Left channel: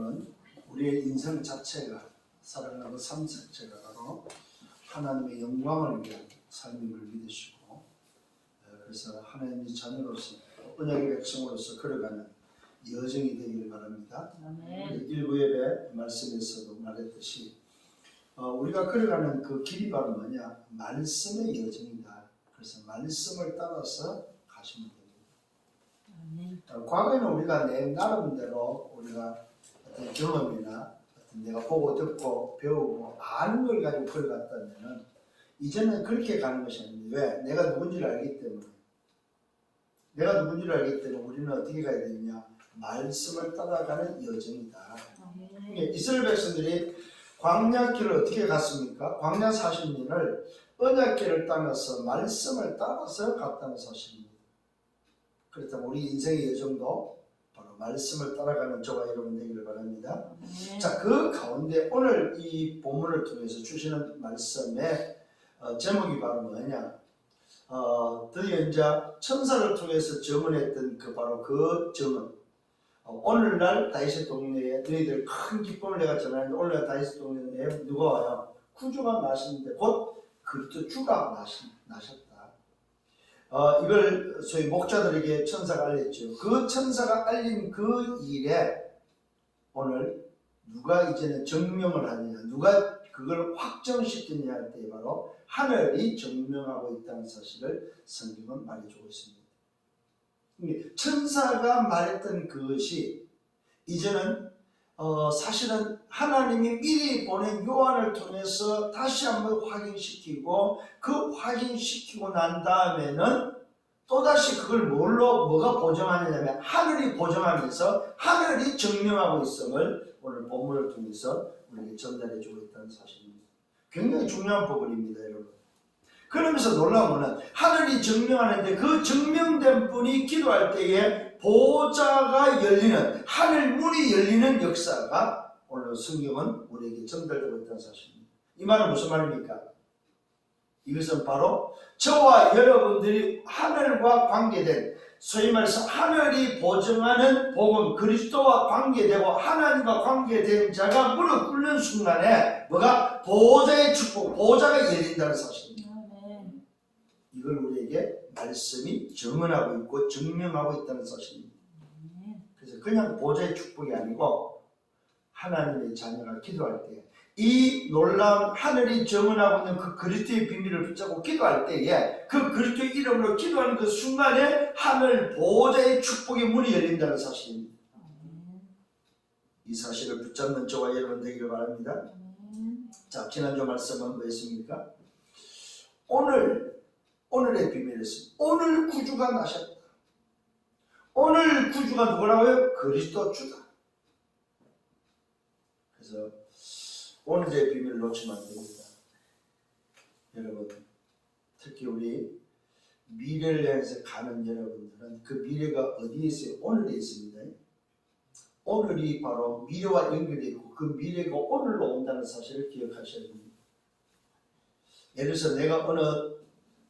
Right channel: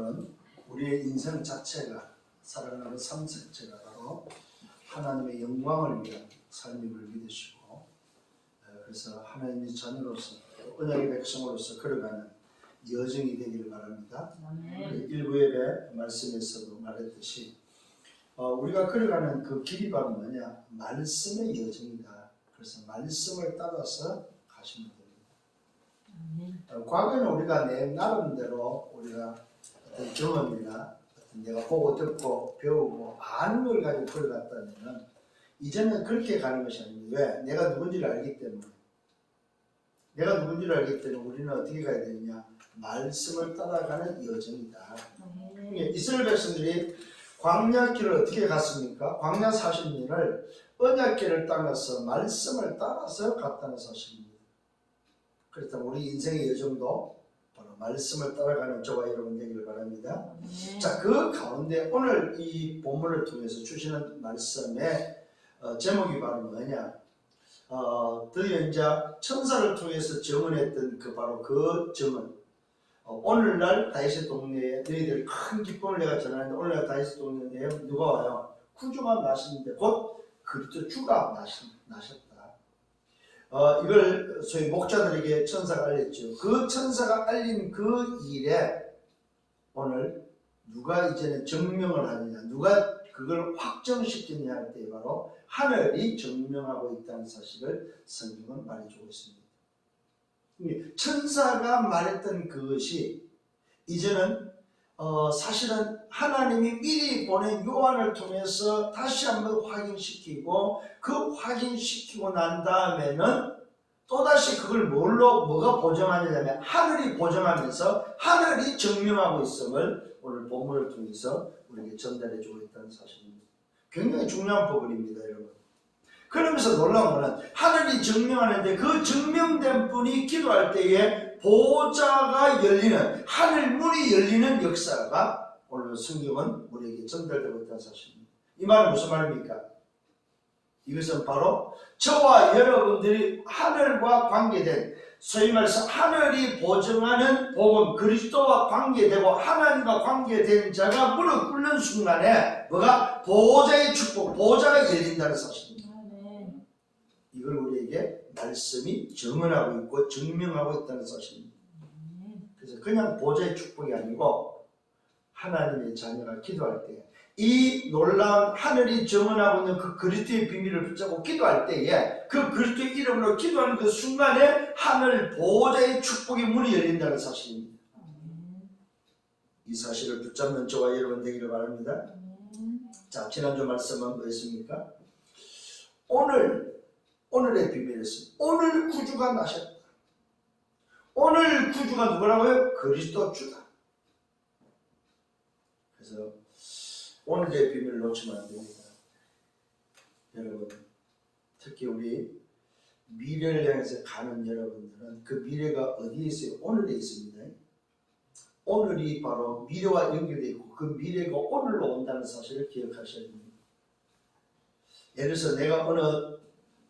오늘은 우리의 인생 자체가 살아가는 삶 자체가 바로 하나님의 영광을 위한 삶임을 믿으시고, 그래서 하나님의 자녀로서 언약의 백성으로서 걸어가는 여정이 되기를 바랍니다. 일부 예배 말씀에서도 말했듯이 우리가 걸어가는 그 길이 바로 뭐냐? 말씀의 여정이다. 그래서 말씀을 따라서 가시면 됩니다. 과거에는 우리가 내 나름대로 우리가 어떤 경험이나 어떤 내가 보고 듣고 배우고 아는 걸 가지고 걸어갔다면 이제는 그렇게 가는 것이 아닙니다. 왜? 내가 누군지를 알기 때문에. 내가 누군지를 알기 때문에 우리는 어떻게 가야 되느냐? 말씀을 따라가는 여정이다. 이스라엘 백성들이 광야길을 어떻게 갔습니까? 광야 40년을 언약길을 따라서 말씀을 따라서 갔다는 사실입니다. 그렇다면 우리 인생의 여정도 바로 말씀을 따라가는 저와 여러분 되기를 바랍니다. 자, 그 가운데 오늘 이 본문을 통해서 주시는 말씀의 제목이 바로 뭐냐? 드디어 이제 천사를 통해서 증언했던 그 바로 그 증언. 오늘날 다윗의 동네에 너희들 큰 기쁨을 내가 전하는데 오늘날 다윗의 동네에 누가 와요? 구주가 나시는데 곧 그리스도 주가 나셨다. 이걸 소위 목자들에게 천사가 알렸죠. 그 천사가 알린 그 일에 오늘 누가 이제는 증명을 하느냐, 누가 그걸 확정시키느냐 할 때 바로 하늘이 증명하고 있다는 사실을 성경은 말해주고 있습니다. 천사가 말했던 그것이 이제는 사실은 하나님이 미리 보낸 요한을 통해서 다시 한번 확인시키고 그 확인시키고 난 다음에는 또다시 그걸 뭐가 보정하느냐면 하늘이 보정하면서 하늘이 증명하고 있음을 오늘 본문을 통해서 우리에게 전달해주고 있다는 사실입니다. 굉장히 중요한 부분입니다, 여러분. 그러면서 놀라운 것은 하늘이 증명하는데 그 증명된 분이 기도할 때에 보좌가 열리는, 하늘 문이 열리는 역사가 오늘 성경은 우리에게 전달되고 있다는 사실입니다. 이 말은 무슨 말입니까? 이것은 바로 저와 여러분들이 하늘과 관계된, 소위 말해서 하늘이 보증하는 복음, 그리스도와 관계되고 하나님과 관계된 자가 무릎 꿇는 순간에 뭐가? 보좌의 축복, 보좌가 열린다는 사실입니다. 이걸 우리에게 말씀이 증언하고 있고 증명하고 있다는 사실입니다. 그래서 그냥 보좌의 축복이 아니고 하나님의 자녀가 기도할 때 이 놀라운 하늘이 증언하고 있는 그 그리스도의 비밀을 붙잡고 기도할 때에 그 그리스도의 이름으로 기도하는 그 순간에 하늘 보좌의 축복의 문이 열린다는 사실입니다. 이 사실을 붙잡는 저와 여러분 되기를 바랍니다. 자, 지난주 말씀은 뭐였습니까? 오늘의 비밀이었습니다. 오늘 구주가 나셨다. 오늘 구주가 누구라고요? 그리스도 주다. 그래서 오늘의 비밀을 놓치면 안 됩니다. 여러분, 특히 우리 미래를 향해서 가는 여러분들은 그 미래가 어디에 있어요? 오늘에 있습니다. 오늘이 바로 미래와 연결되어 있고 그 미래가 오늘로 온다는 사실을 기억하셔야 됩니다. 예를 들어서 내가 어느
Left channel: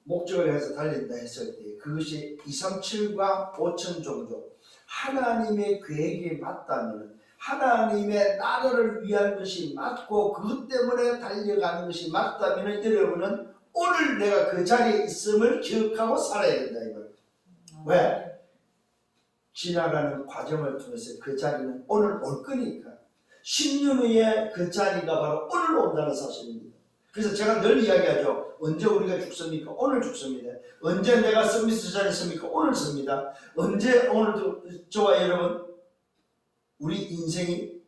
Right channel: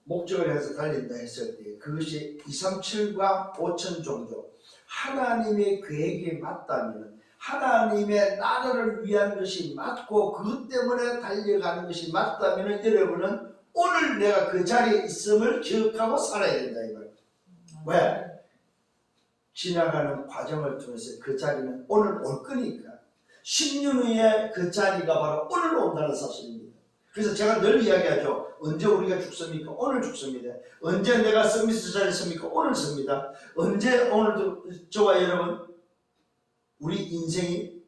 목적을 향해서 달린다 했을 때 그것이 237과 5천 정도 하나님의 계획에 맞다면, 하나님의 나라를 위한 것이 맞고 그것 때문에 달려가는 것이 맞다면 여러분은 오늘 내가 그 자리에 있음을 기억하고 살아야 된다 이거예요. 왜? 지나가는 과정을 통해서 그 자리는 오늘 올 거니까. 10년 후에 그 자리가 바로 오늘 온다는 사실입니다. 그래서 제가 늘 이야기하죠. 언제 우리가 죽습니까? 오늘 죽습니다. 언제 내가 서비스 자리에 섭니까? 오늘 섭니다. 언제 오늘도 저와 여러분 우리 인생이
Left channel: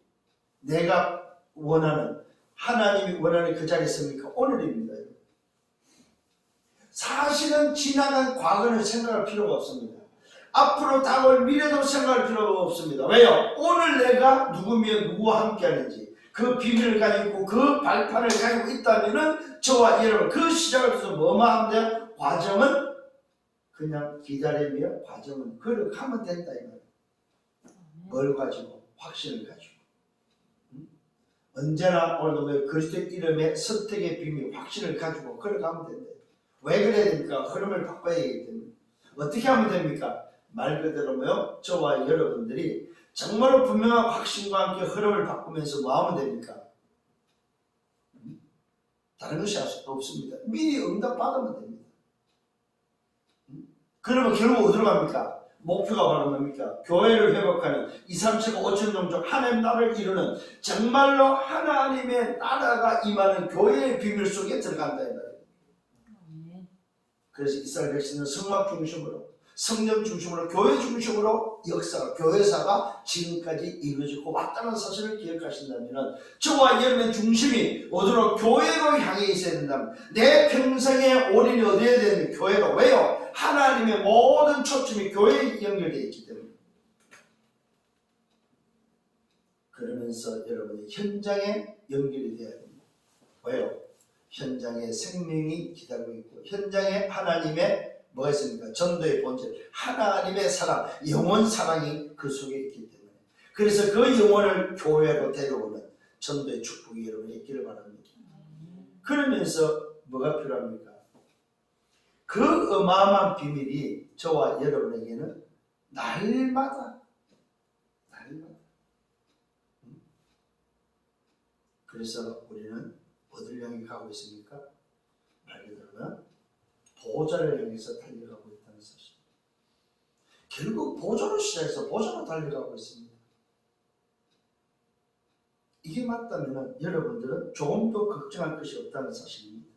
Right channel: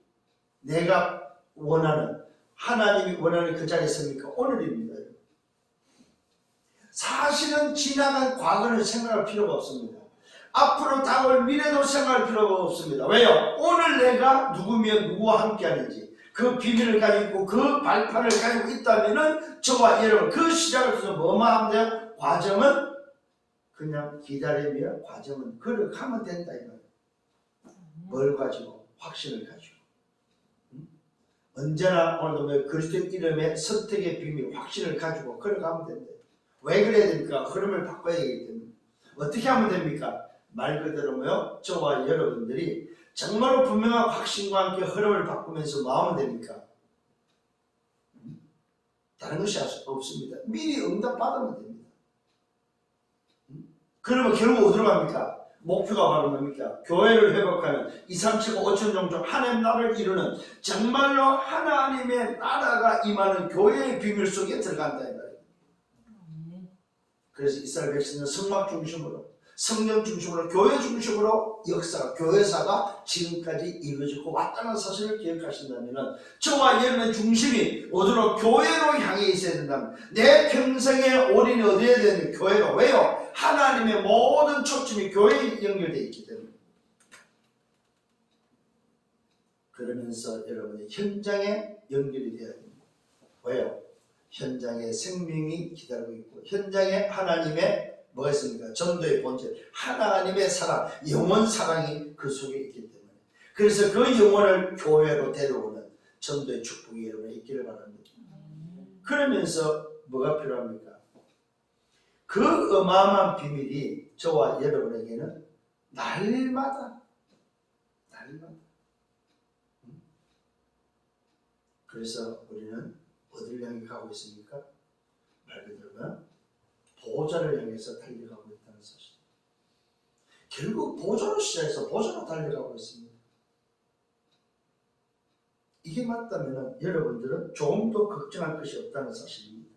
내가 원하는, 하나님이 원하는 그 자리에 섭니까? 오늘입니다. 사실은 지나간 과거를 생각할 필요가 없습니다. 앞으로 다가올 미래도 생각할 필요가 없습니다. 왜요? 오늘 내가 누구며 누구와 함께 하는지 그 비밀을 가지고 그 발판을 가지고 있다면은 저와 여러분 그 시작을 해서 뭐만 하면 돼요? 과정은 그냥 기다리며 과정은 걸어가면 된다 이거예요. 뭘 가지고? 확신을 가지고. 언제나 오늘도 그리스도의 이름의 선택의 비밀, 확신을 가지고 걸어가면 된다. 왜 그래야 됩니까? 흐름을 바꿔야 되기 때문에. 어떻게 하면 됩니까? 말 그대로 뭐요? 저와 여러분들이 정말로 분명한 확신과 함께 흐름을 바꾸면서 뭐 하면 됩니까? 다른 것이 없습니다. 미리 응답받으면 됩니다. 그러면 결국 어디로 갑니까? 목표가 바로 뭡니까? 교회를 회복하는 2, 3, 7, 5천 종족 하나님 나라를 이루는 정말로 하나님의 나라가 임하는 교회의 비밀 속에 들어간다 이 말이에요. 그래서 이스라엘 백성은 성막 중심으로, 성령 중심으로, 교회 중심으로 교회사가 지금까지 이루어지고 왔다는 사실을 기억하신다면 저와 여러분의 중심이 어디로? 교회로 향해 있어야 된다면 내 평생의 올인이 어디에 되는 교회로. 왜요? 하나님의 모든 초점이 교회에 연결되어 있기 때문에. 그러면서 여러분의 현장에 연결이 되어야 됩니다. 왜요? 현장에 생명이 기다리고 있고 현장에 하나님의 뭐가 있습니까? 전도의 본질, 하나님의 사랑, 영원 사랑이 그 속에 있기 때문에. 그래서 그 영혼을 교회로 데려오는 전도의 축복이 여러분에 있기를 바랍니다. 그러면서 뭐가 필요합니까? 그 어마어마한 비밀이 저와 여러분에게는 날마다 그래서 우리는 어디를 향해 가고 있습니까? 말 그대로는 보좌를 향해서 달려가고 있다는 사실. 결국 보좌로 시작해서 보좌로 달려가고 있습니다. 이게 맞다면 여러분들은 조금도 걱정할 것이 없다는 사실입니다.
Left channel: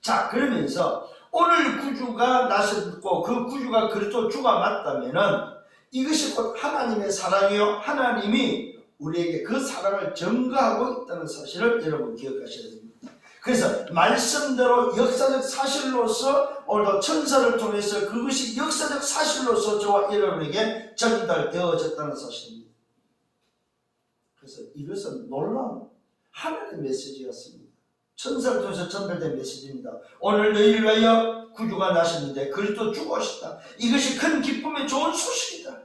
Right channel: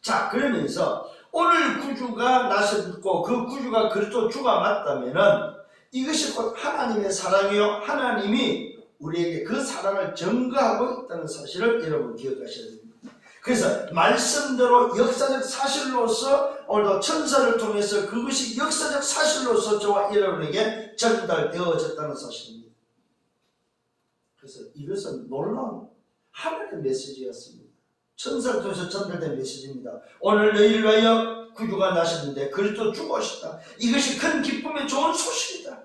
자, 그러면서 오늘 구주가 나셨고 그 구주가 그리스도 주가 맞다면 이것이 곧 하나님의 사랑이요, 하나님이 우리에게 그 사랑을 증거하고 있다는 사실을 여러분 기억하셔야 됩니다. 그래서 말씀대로 역사적 사실로서 오늘도 천사를 통해서 그것이 역사적 사실로서 저와 여러분에게 전달되어졌다는 사실입니다. 그래서 이것은 놀라운 하나님의 메시지였습니다. 천사를 통해서 전달된 메시지입니다. 오늘 너희를 위하여 구주가 나셨는데 그리스도 죽으셨다. 이것이 큰 기쁨의 좋은 소식이다.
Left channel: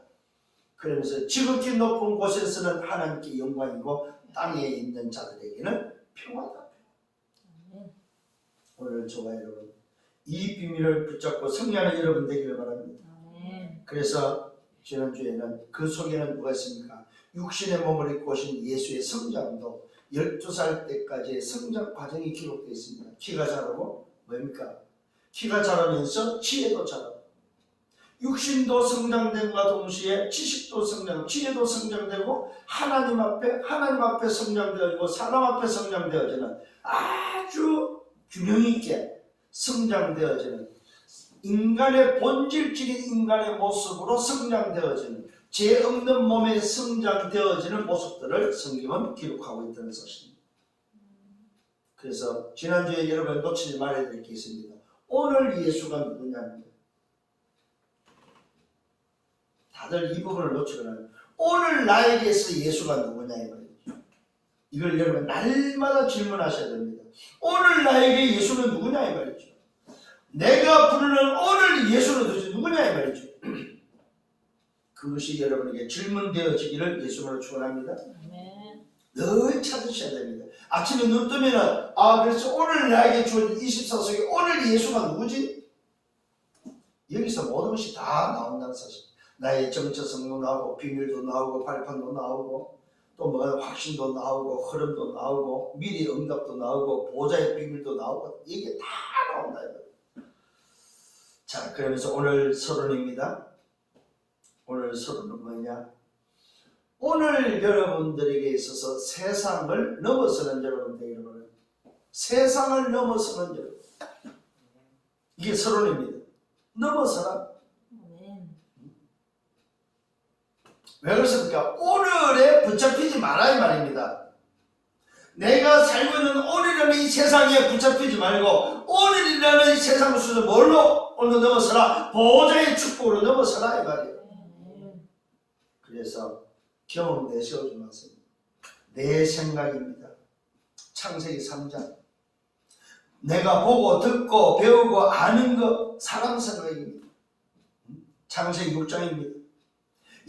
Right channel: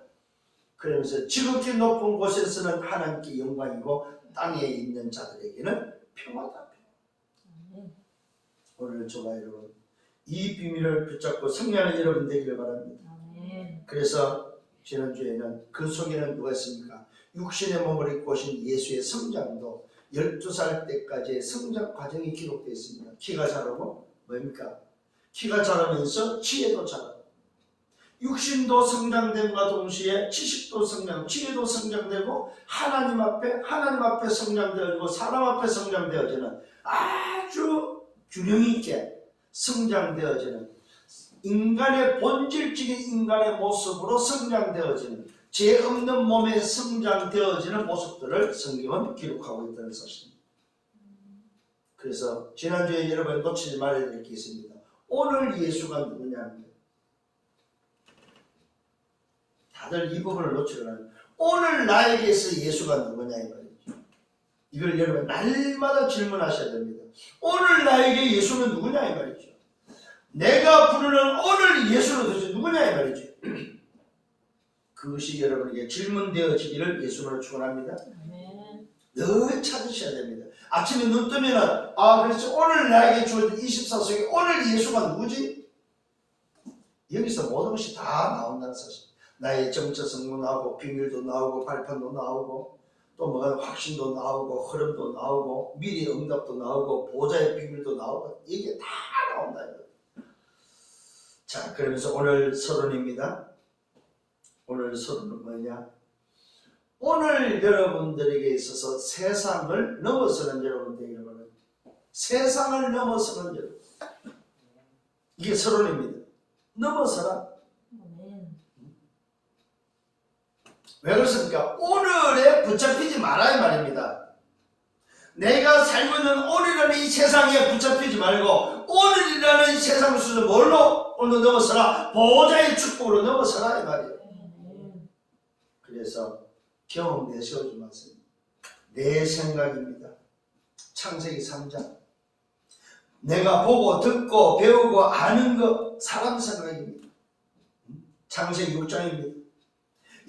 그러면서 지극히 높은 곳에서는 하나님께 영광이고 땅에 있는 자들에게는 평화다. 오늘 저와 여러분 이 비밀을 붙잡고 승리하는 여러분 되기를 바랍니다. 그래서 지난주에는 그 속에는 누가 있습니까? 육신의 몸을 입고 오신 예수의 성장도 12살 때까지의 성장 과정이 기록되어 있습니다. 키가 자라고 뭡니까? 키가 자라면서 지혜도 자라고 육신도 성장됨과 동시에 지식도 성장, 지혜도 성장되고 하나님 앞에 성장되어지고 사람 앞에 성장되어지는 아주 균형 있게 성장되어지는 인간의 본질적인 인간의 모습으로 성장되어지는 죄 없는 몸에 성장되어지는 모습들을 성경은 기록하고 있다는 사실입니다. 그래서 지난주에 여러분 놓치지 말아야 될 게 있습니다. 오늘 예수가 누구냐면 다들 이 부분을 놓치거나 오늘 나에게서 예수가 누구냐 이 말이죠. 이걸 여러분 날마다 질문하셔야 됩니다. 오늘 나에게 예수는 누구냐 이 말이죠. 내가 부르는 오늘 예수는 도대체 누구냐 이 말이죠. 그것이 여러분에게 질문되어지기를 예수님으로 축원합니다. 늘 찾으셔야 됩니다. 아침에 눈 뜨면은 그래서 오늘 나에게 주어진 24속에 오늘 예수가 누구지? 여기서 모든 것이 다 나온다는 사실. 나의 정체성도 나오고 비밀도 나오고 발판도 나오고 또 뭐 확신도 나오고 흐름도 나오고 미리 응답도 나오고 보좌의 비밀도 나오고 이게 다 나온다. 자, 그러면서 오늘 서론입니다. 오늘 서론은 뭐냐? 오늘 여러분들에게 있어서 세상을 넘어서는 여러분 되기를 바랍니다. 세상을 넘어서는 여러분. 이게 서론입니다. 넘어서라. 왜 그렇습니까? 오늘에 붙잡히지 말아야 말입니다. 내가 살고 있는 오늘이라는 이 세상에 붙잡히지 말고 오늘이라는 이 세상 속에서 뭘로 오늘 넘어서라? 보호자의 축복으로 넘어서라 이 말이에요. 그래서 경험 내세우지 마세요. 내 생각입니다. 창세기 3장 내가 보고 듣고 배우고 아는 것 사람 생각입니다. 창세기 6장입니다.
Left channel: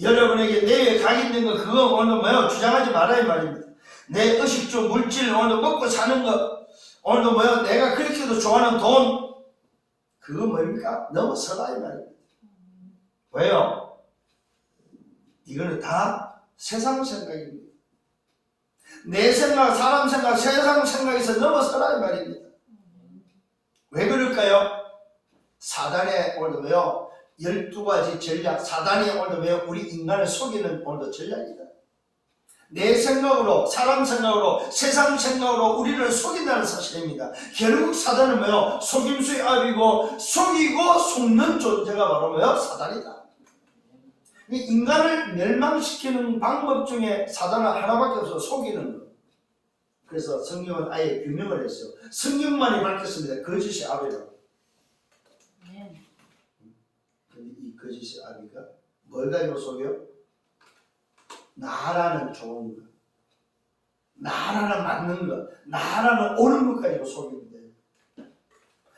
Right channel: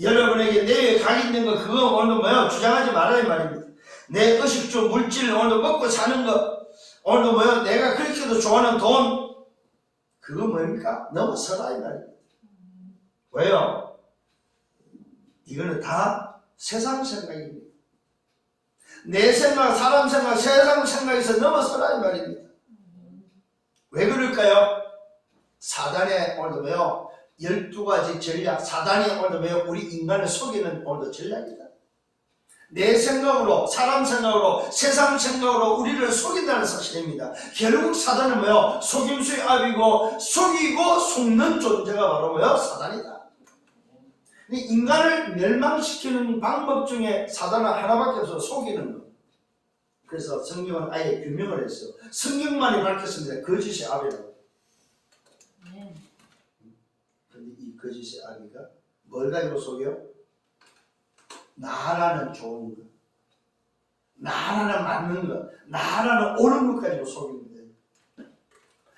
여러분에게 내에 각 있는 거 그거 오늘 뭐야 주장하지 말아야 이 말입니다. 내 의식주 물질 오늘 먹고 사는 거 오늘도 뭐야 내가 그렇게도 좋아하는 돈 그거 뭡니까? 넘어서라 이 말입니다. 왜요? 이거는 다 세상 생각입니다. 내 생각, 사람 생각, 세상 생각에서 넘어서라 이 말입니다. 왜 그럴까요? 사단의 오늘도 왜요? 12가지 전략, 사단이 오늘도 왜요? 우리 인간을 속이는 오늘도 전략이다. 내 생각으로, 사람 생각으로, 세상 생각으로 우리를 속인다는 사실입니다. 결국 사단은 뭐요? 속임수의 압이고, 속이고 속는 존재가 바로 뭐요? 사단이다. 인간을 멸망시키는 방법 중에 사단은 하나밖에 없어. 속이는 것. 그래서 성경은 아예 규명을 했어요. 성경만이 밝혔습니다. 거짓의 압이라고. 근데 이 거짓의 압이가 뭘 가지고 속여요? 나라는 좋은 것, 나라는 맞는 것, 나라는 옳은 것 가지고 속입니다.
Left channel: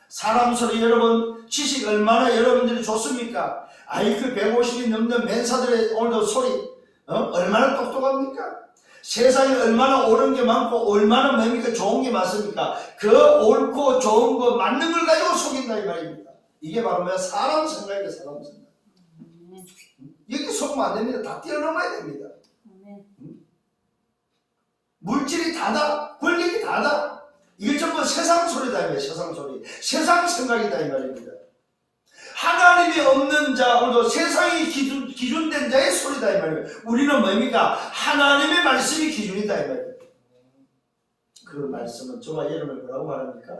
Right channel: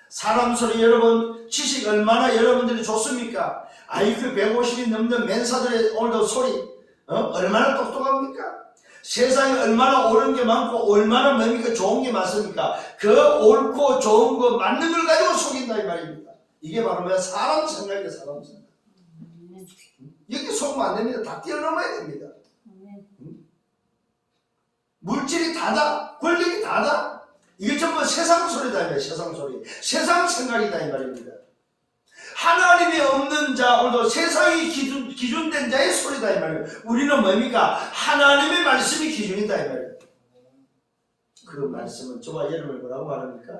사람 소리 여러분, 지식 얼마나 여러분들이 좋습니까? IQ 150이 넘는 멘사들의 오늘도 소리 얼마나 똑똑합니까? 세상에 얼마나 옳은 게 많고 얼마나 뭡니까? 좋은 게 많습니까? 그 옳고 좋은 거 맞는 걸 가지고 속인다 이 말입니다. 이게 바로 뭐야? 사람 생각이야. 사람 생각. 여기 속으면 안 됩니다. 다 뛰어넘어야 됩니다. 물질이 다다, 권력이 다다. 이게 전부 세상 소리다 이 말이에요. 세상 소리, 세상 생각이다 이 말입니다. 하나님이 없는 자, 오늘도 세상이 기준된 자의 소리다 이 말이에요. 우리는 뭡니까? 하나님의 말씀이 기준이다 이 말이에요. 그 말씀은 저와 여러분을 뭐라고 말합니까?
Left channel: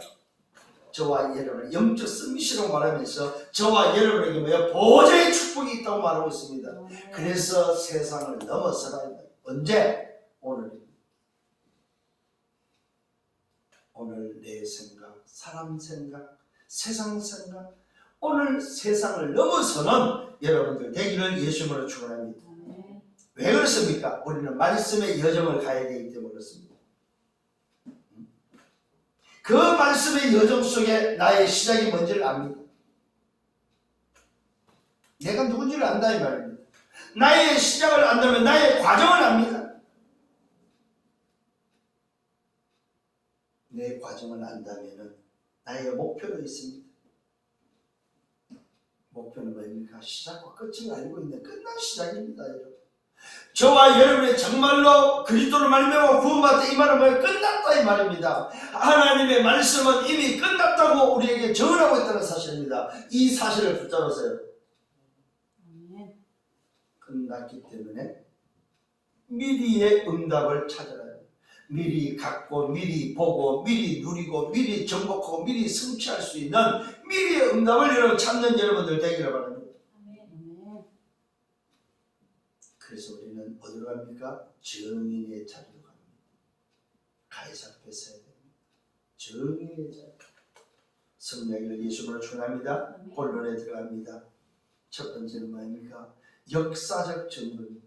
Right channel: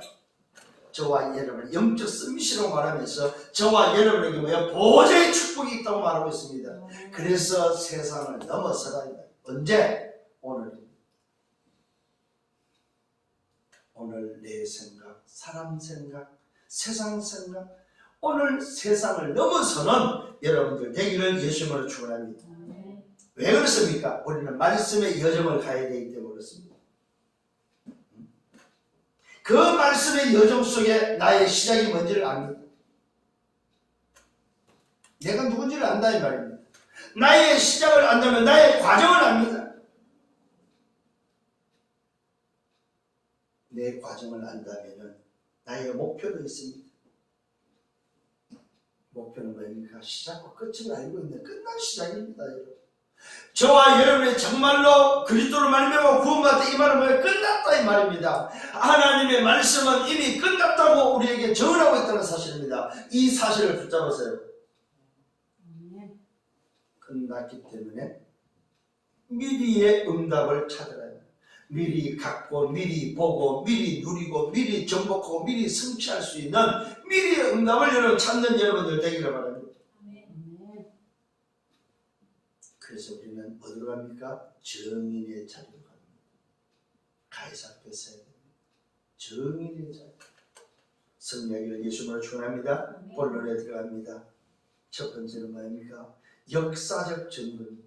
저와 여러분 영적 서밋이라고 말하면서 저와 여러분에게 뭐야? 보좌의 축복이 있다고 말하고 있습니다. 그래서 세상을 넘어서라. 언제? 오늘 내 생각, 사람 생각, 세상 생각, 오늘 세상을 넘어서는 여러분들 되기를 예수님으로 축원합니다. 왜 그렇습니까? 우리는 말씀의 여정을 가야 되기 때문에 그렇습니다. 그 말씀의 여정 속에 나의 시작이 뭔지를 압니다. 내가 누군지를 안다 이 말입니다. 나의 시작을 안다면 나의 과정을 압니다. 내 과정을 안다면 나의 목표도 있습니다. 목표는 뭡니까? 시작과 끝을 알고 있는 끝난 시작입니다. 여러분. 저와 여러분의 정말로 그리스도로 말미암아 구원받았다 이 말은 뭐예요? 끝났다 이 말입니다. 하나님의 말씀은 이미 끝났다고 우리에게 정언하고 있다는 사실입니다. 이 사실을 붙잡으세요. 끝났기 때문에 미리의 응답을 찾아라. 미리 갖고 미리 보고 미리 누리고 미리 정복하고 미리 성취할 수 있는 미리의 응답을 여러분 찾는 여러분들 되기를 바랍니다. 그래서 우리는 어디로 갑니까? 정인의 자리로 갑니다. 가이사 앞에 서야 됩니다. 정인의 자리. 성령을 예수님으로 축원합니다. 본론에 들어갑니다. 첫 번째는 뭐입니까? 역사적 증거입니다.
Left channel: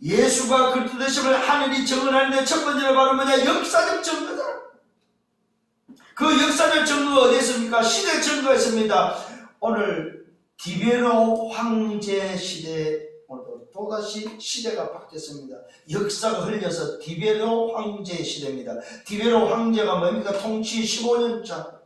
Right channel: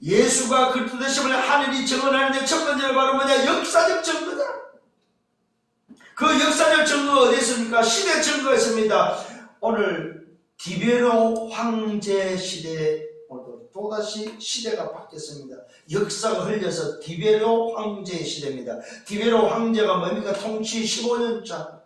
예수가 그리스도 되심을 하늘이 증언하는데 첫 번째는 바로 뭐냐? 역사적 증거다. 그 역사적 증거가 어디 있습니까? 시대 증거가 있습니다. 오늘 디베로 황제 시대, 오늘도 또다시 시대가 바뀌었습니다. 역사가 흘려서 디베로 황제 시대입니다. 디베로 황제가 뭡니까? 통치 15년 차.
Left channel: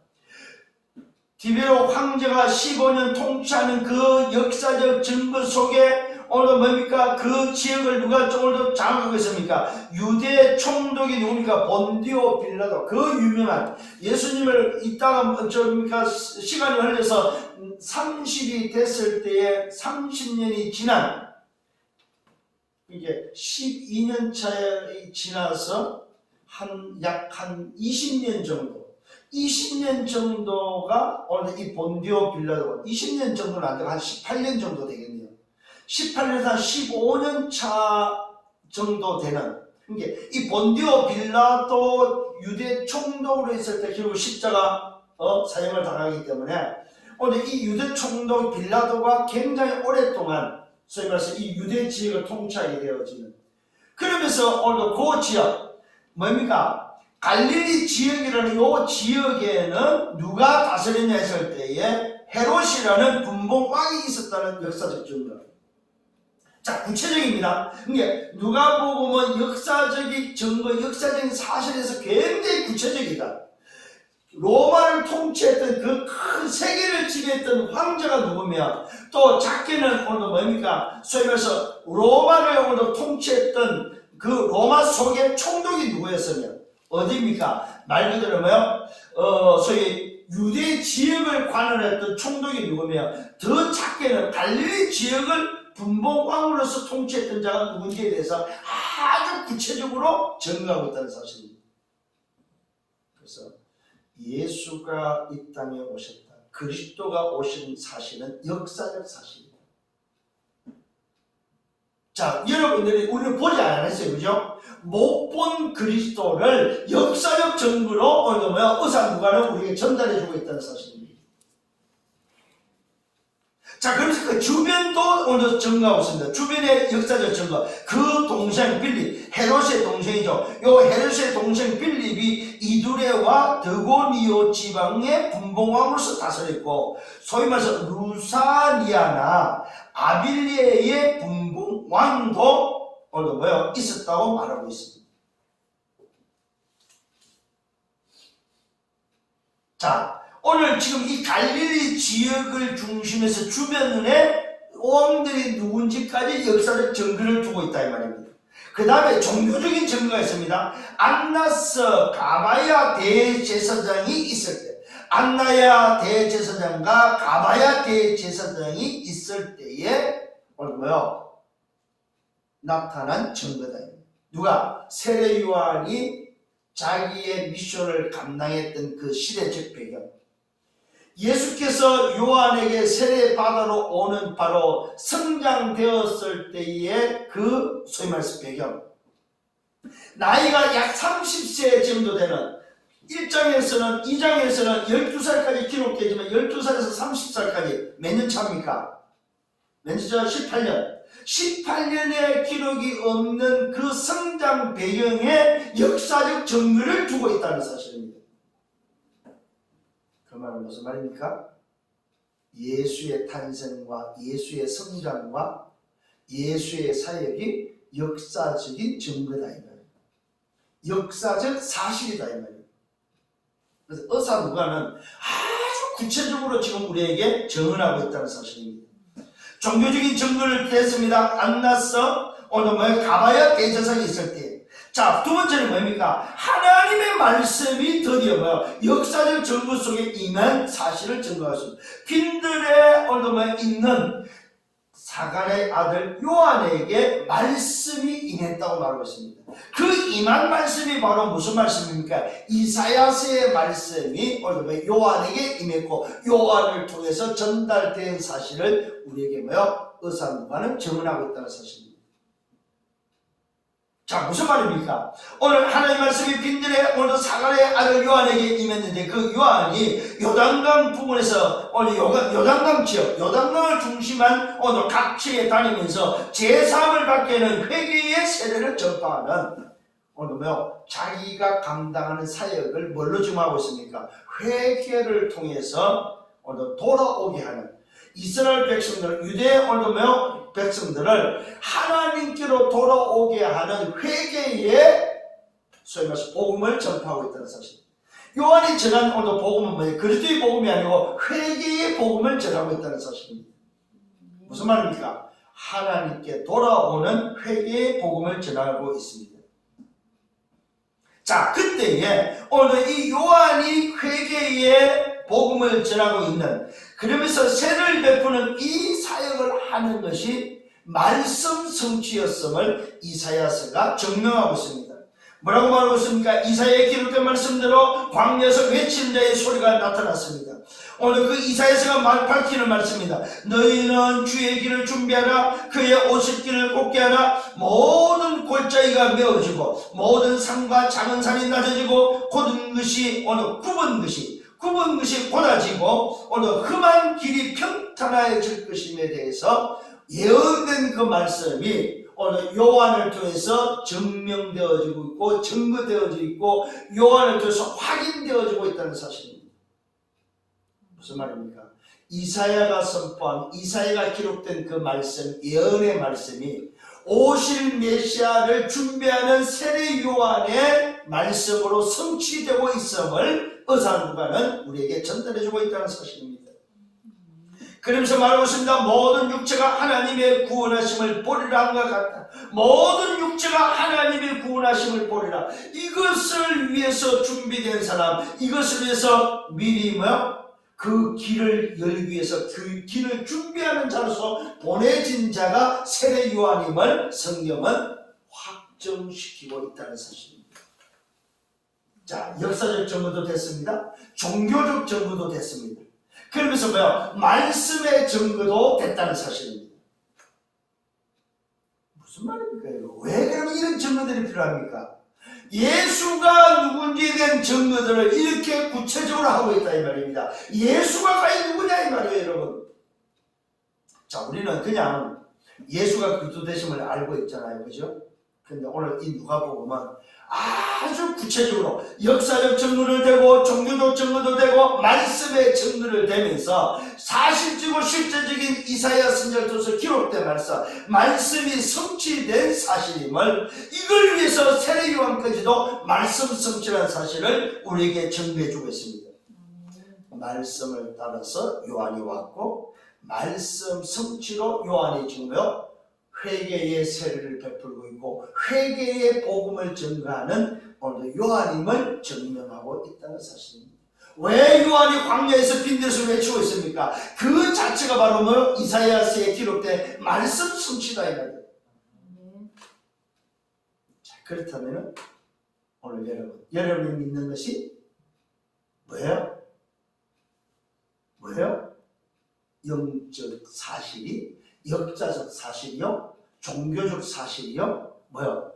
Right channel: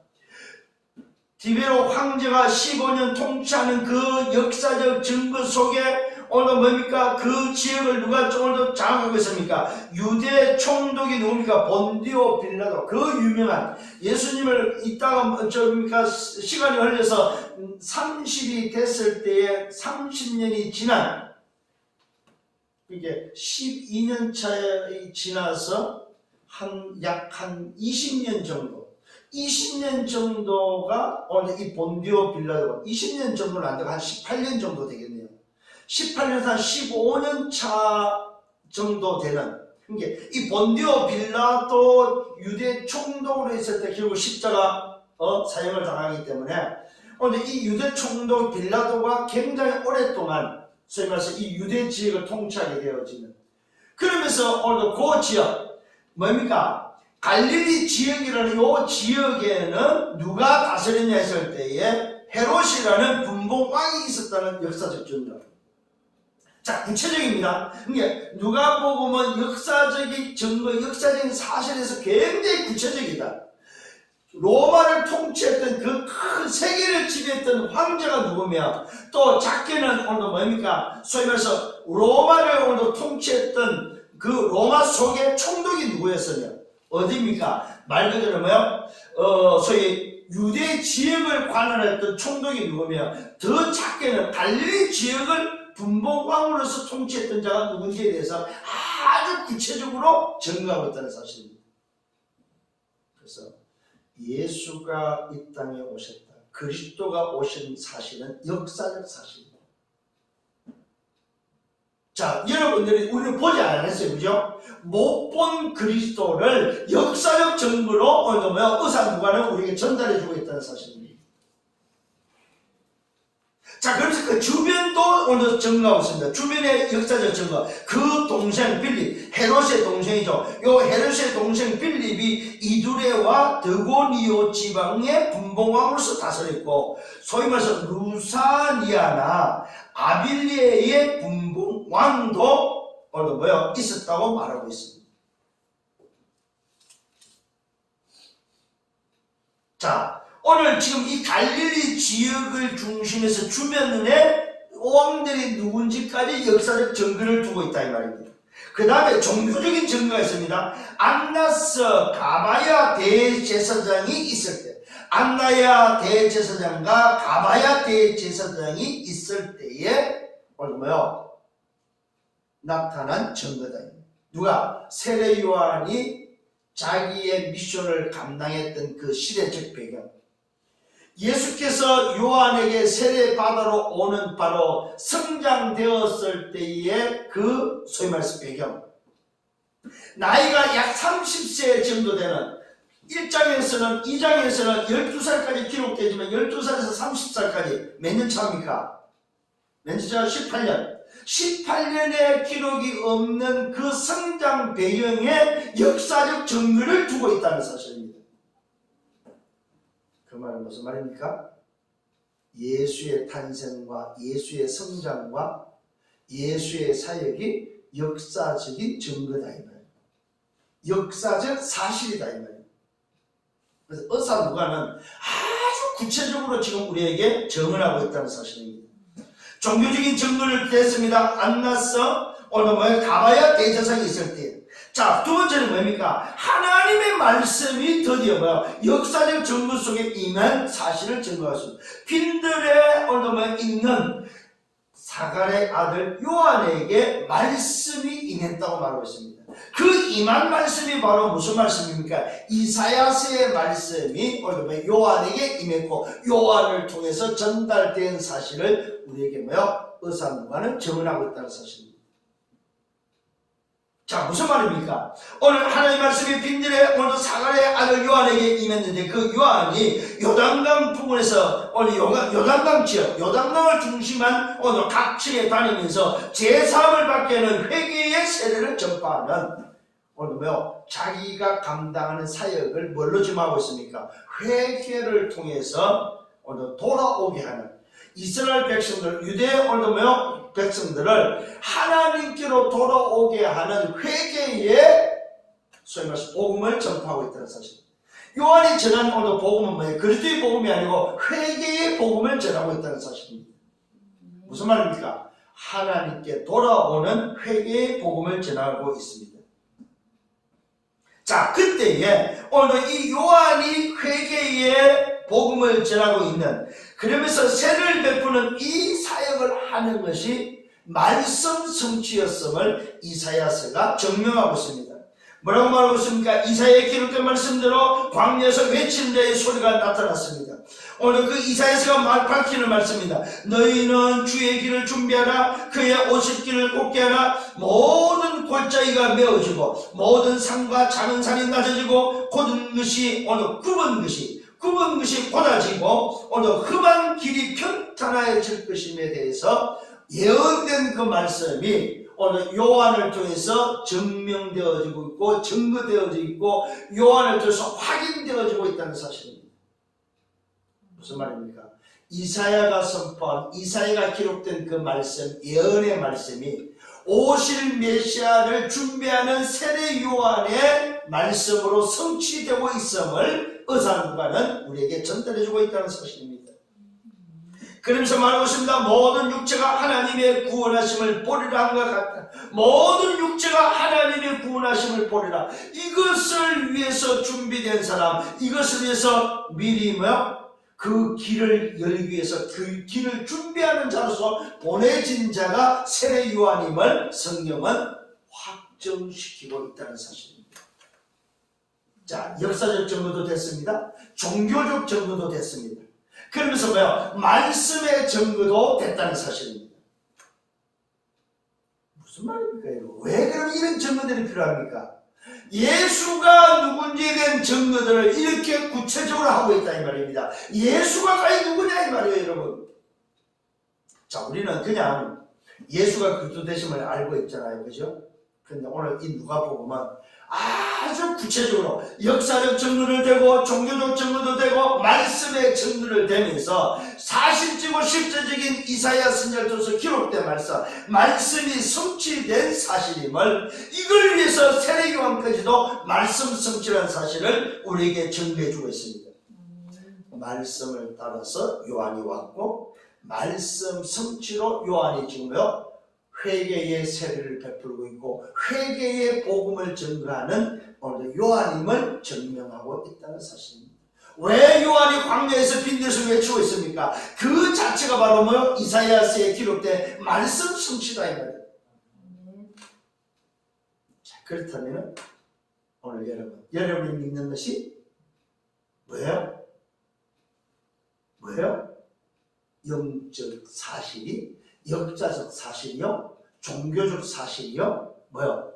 디베로 황제가 15년 통치하는 그 역사적 증거 속에 오늘 뭡니까? 그 지역을 누가 오늘도 장악하고 있습니까? 유대 총독이 누굽니까? 본디오 빌라도. 그 유명한 예수님을 있다가 시간이 흘려서 30이 됐을 때에 30년이 지난 이게 12년 차에 지나서 약 한 20년 정도 20년 정도가 오늘 이 본디오 빌라도 20년 정도는 안 되고 한 18년 정도 되겠네요. 18년에서 한 15년 차 정도 되는 이 본디오 빌라도 유대 총독으로 있을 때 결국 십자가 사형을 당하기 때문에 오늘 이 유대 총독 빌라도가 굉장히 오랫동안 소위 말해서 이 유대 지역을 통치하게 되어지는 그러면서 오늘도 그 지역 뭡니까? 갈릴리 지역이라는 이 지역에는 누가 다스렸냐 했을 때에 헤롯이라는 분봉왕이 있었다는 역사적 증거. 자, 구체적입니다. 그게 누가복음은 역사적인 증거, 역사적인 사실에서 굉장히 구체적이다. 로마를 통치했던 그 큰 세계를 지배했던 황제가 누구며, 또 작게는 오늘 뭡니까? 소위 말해서 로마를 오늘 통치했던 그 로마 속의 총독이 누구였으며, 어디입니까? 말 그대로 뭐요? 소위 유대 지역을 관할했던 총독이 누구며, 더 작게는 갈릴리 지역을 분봉왕으로서 통치했던 자가 누군지에 대해서 아주 구체적으로 증거하고 있다는 사실입니다. 그래서 예수가 이 땅에 오셨다, 그리스도가 오신 사실은 역사적 사실입니다. 자, 여러분들이 우리는 보지 않았어요, 그죠? 못 본 그리스도를 역사적 증거로 오늘 뭐야? 의상부관을 우리에게 전달해주고 있다는 사실입니다. 자, 그래서 그 주변도 오늘 증거하고 있습니다. 주변의 역사적 증거. 그 동생 빌립, 헤롯의 동생이죠. 요 헤롯의 동생 빌립이 이두레와 드고니오 지방의 분봉왕으로서 다스렸고, 소위 말해서 루사니아나 아빌리에의 분봉왕도 오늘 뭐요? 있었다고 말하고 있습니다. 자, 오늘 지금 이 갈릴리 지역을 중심해서 주변에 왕들이 누군지까지 역사적 증거를 두고 있다 이 말입니다. 그 다음에 종교적인 증거가 있습니다. 안나스 가바야 대제사장이 있을 때, 안나야 대제사장과 가바야 대제사장이 있을 때에 오늘 뭐요? 나타난 증거다. 누가? 세례 요한이 자기의 미션을 감당했던 그 시대적 배경, 예수께서 요한에게 세례받으러 오는 바로 성장되었을 때의 그 소위 말해서 배경, 나이가 약 30세 정도 되는 1장에서는 2장에서는 12살까지 기록되지만 12살에서 30살까지 몇 년 차입니까? 몇 년 차? 18년. 18년의 기록이 없는 그 성장 배경에 역사적 증거를 두고 있다는 사실입니다. 그 말은 무슨 말입니까? 예수의 탄생과 예수의 성장과 예수의 사역이 역사적인 증거다 이 말이에요. 역사적 사실이다 이 말이에요. 그래서 의사누가는 아주 구체적으로 지금 우리에게 증언하고 있다는 사실입니다. 종교적인 증거를 댔습니다. 안나서 오늘 뭐예요? 가바야 대제사장이 있을 때. 자, 두 번째는 뭡니까? 하나님의 말씀이 드디어 뭐예요? 역사적 증거 속에 임한 사실을 증거하십니다. 빈들에 오늘 뭐예요? 있는 사갈의 아들 요한에게 말씀이 임했다고 말하고 있습니다. 그 임한 말씀이 바로 무슨 말씀입니까? 이사야서의 말씀이 오늘 요한에게 임했고, 요한을 통해서 전달된 사실을 우리에게 뭐요? 의사누가는 증언하고 있다는 사실입니다. 자, 무슨 말입니까? 오늘 하나님 말씀이 빈들에 오늘 사갈의 아들 요한에게 임했는데, 그 요한이 요단강 부근에서 오늘 요단강 지역, 요단강을 중심한 오늘 각지에 다니면서 제3을 받게 하는 회개의 세례를 전파하는 오늘 뭐요? 자기가 감당하는 사역을 뭘로 지금 하고 있습니까? 회개를 통해서 오늘 돌아오게 하는 이스라엘 백성들, 유대 오늘 뭐요? 백성들을 하나님께로 돌아오게 하는 회개의 소위 말해서 복음을 전파하고 있다는 사실. 요한이 전한 오늘 복음은 뭐예요? 그리스도의 복음이 아니고 회개의 복음을 전하고 있다는 사실입니다. 무슨 말입니까? 하나님께 돌아오는 회개의 복음을 전하고 있습니다. 자, 그때에 오늘 이 요한이 회개의 복음을 전하고 있는, 그러면서 세를 베푸는 이 사역을 하는 것이 말씀 성취였음을 이사야서가 증명하고 있습니다. 뭐라고 말하고 있습니까? 이사야에 기록된 말씀대로 광야에서 외치는 자의 소리가 나타났습니다. 오늘 그 이사야서가 밝히는 말씀입니다. 너희는 주의 길을 준비하라. 그의 오실 곧게 하라. 모든 골짜기가 메어지고 모든 산과 작은 산이 낮아지고 곧은 것이 오늘 굽은 것이 곧아지고 오늘 험한 길이 평탄해질 것임에 대해서 예언된 그 말씀이 오늘 요한을 통해서 증명되어지고 있고 증거되어지고 있고 요한을 통해서 확인되어지고 있다는 사실입니다. 무슨 말입니까? 이사야가 선포한, 이사야가 기록된 그 말씀, 예언의 말씀이 오실 메시아를 준비하는 세례 요한의 말씀으로 성취되고 있음을 의사누가는 우리에게 전달해주고 있다는 사실입니다. 그러면서 말하고 있습니다. 모든 육체가 하나님의 구원하심을 보리라 한것 같다. 모든 육체가 하나님의 구원하심을 보리라. 이것을 위해서 준비된 사람, 이것을 위해서 미리 그 길을 열기 위해서 그 길을 준비하는 자로서 보내진 자가 세례 요한임을 성경은 확정시키고 있다는 사실입니다. 자, 역사적 증거도 됐습니다. 종교적 증거도 됐습니다. 그러면서 말씀의 증거도 됐다는 사실입니다. 무슨 말입니까? 왜 그럼 이런 증거들이 필요합니까? 예수가 누군지에 대한 증거들을 이렇게 구체적으로 하고 있다 이 말입니다. 예수가 과연 누구냐 이 말이에요, 여러분. 자, 우리는 그냥 예수가 그리스도 되심을 알고 있잖아요, 그죠? 근데 오늘 이 누가복음은 아주 구체적으로 역사적 증거를 대고 종교적 증거도 되고 말씀의 증거를 대면서 사실적이고 실제적인 이사야 선지자로서 기록된 말씀이 성취된 사실임을, 이걸 위해서 세례 요한까지도 말씀 성취라는 사실을 우리에게 증거해 주고 있습니다. 말씀을 따라서 요한이 왔고 말씀 성취로 요한이 지금 회개의 세례를 베풀고 있고 회개의 복음을 증거하는 오늘 요한임을 증명하고 있다는 사실입니다. 왜 요한이 광야에서 빈대수 외치고 있습니까? 그 자체가 바로 이사야서에 기록된 말씀 성취다 이 말이에요. 자, 그렇다면 오늘 여러분이 믿는 것이 뭐예요? 영적 사실이, 역사적 사실이요, 종교적 사실이요,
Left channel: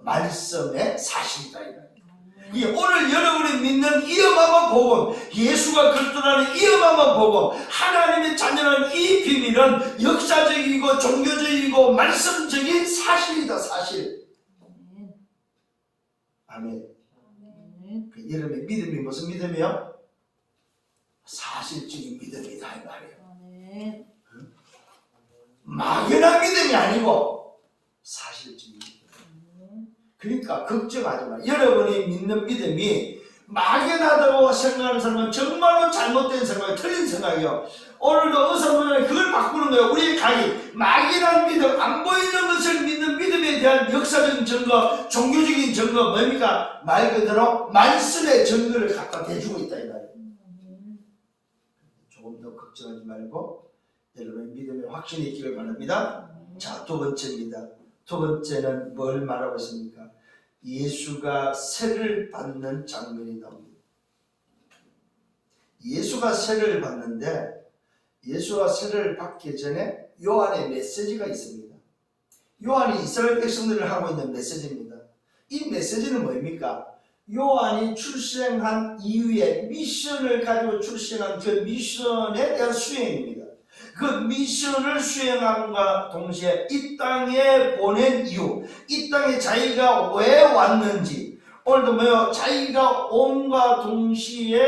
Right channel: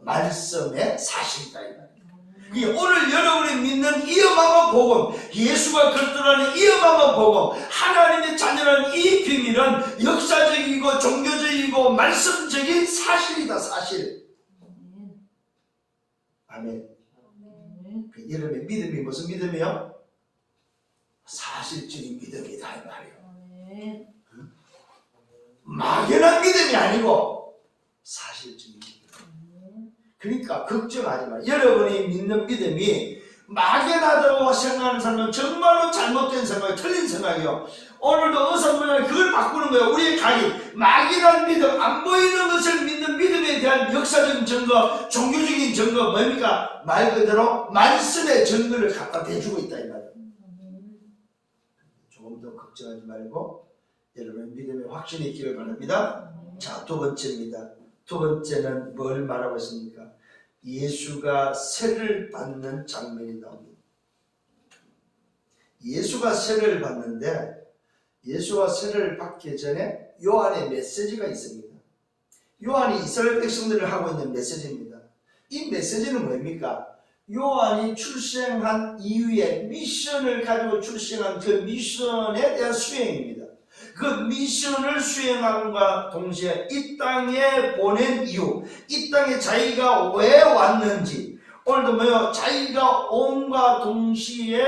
말씀의 사실이다 이 말이에요. 오늘 여러분이 믿는 이 어마어마한 복음, 예수가 그리스도라는 이 어마어마한 복음, 하나님의 자녀라는 이 비밀은 역사적이고 종교적이고 말씀적인 사실이다, 사실. 아멘. 여러분의 믿음이 무슨 믿음이요? 사실적인 믿음이다 이 말이에요. 막연한 믿음이 아니고 사실적인 믿음. 그러니까 걱정하지 마요. 여러분이 믿는 믿음이 막연하다고 생각하는 사람은 정말로 잘못된 생각이에요. 틀린 생각이에요. 오늘도 의사분들은 그걸 바꾸는 거예요. 우리의 각이 막연한 믿음, 안 보이는 것을 믿는 믿음에 대한 역사적인 증거, 종교적인 증거 뭡니까? 말 그대로 말씀의 증거를 갖다 대주고 있다 이 말이에요. 조금 더 걱정하지 말고 여러분의 믿음의 확신이 있기를 바랍니다. 자, 두 번째입니다. 두 번째는 뭘 말하고 있습니까? 예수가 세를 받는 장면이 나옵니다. 예수가 세를 받는데 예수가 세를 받기 전에 요한의 메시지가 있습니다. 요한이 이스라엘 백성들을 하고 있는 메시지입니다. 이 메시지는 뭡니까? 요한이 출생한 이후에 미션을 가지고 출생한 그 미션에 대한 수행입니다. 그 미션을 수행함과 동시에 이 땅에 보낸 이유, 이 땅에 자기가 왜 왔는지, 오늘도 자기가 온과 동시에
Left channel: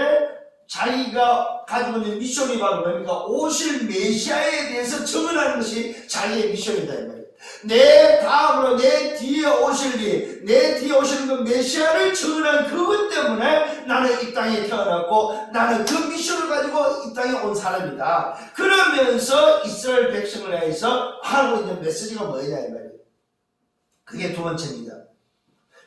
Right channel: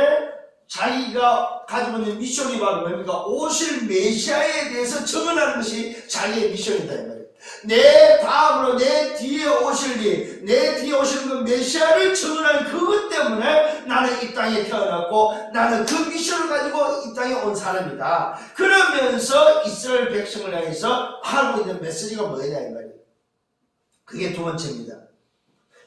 자기가 가지고 있는 미션이 바로 뭡니까? 오실 메시아에 대해서 증언하는 것이 자기의 미션이다 이 말이에요. 내 다음으로 내 뒤에 오실 내 뒤에 오시는 그 메시아를 증언한 그것 때문에 나는 이 땅에 태어났고 나는 그 미션을 가지고 이 땅에 온 사람이다. 그러면서 이스라엘 백성을 향해서 하고 있는 메시지가 뭐냐 이 말이에요. 그게 두 번째입니다.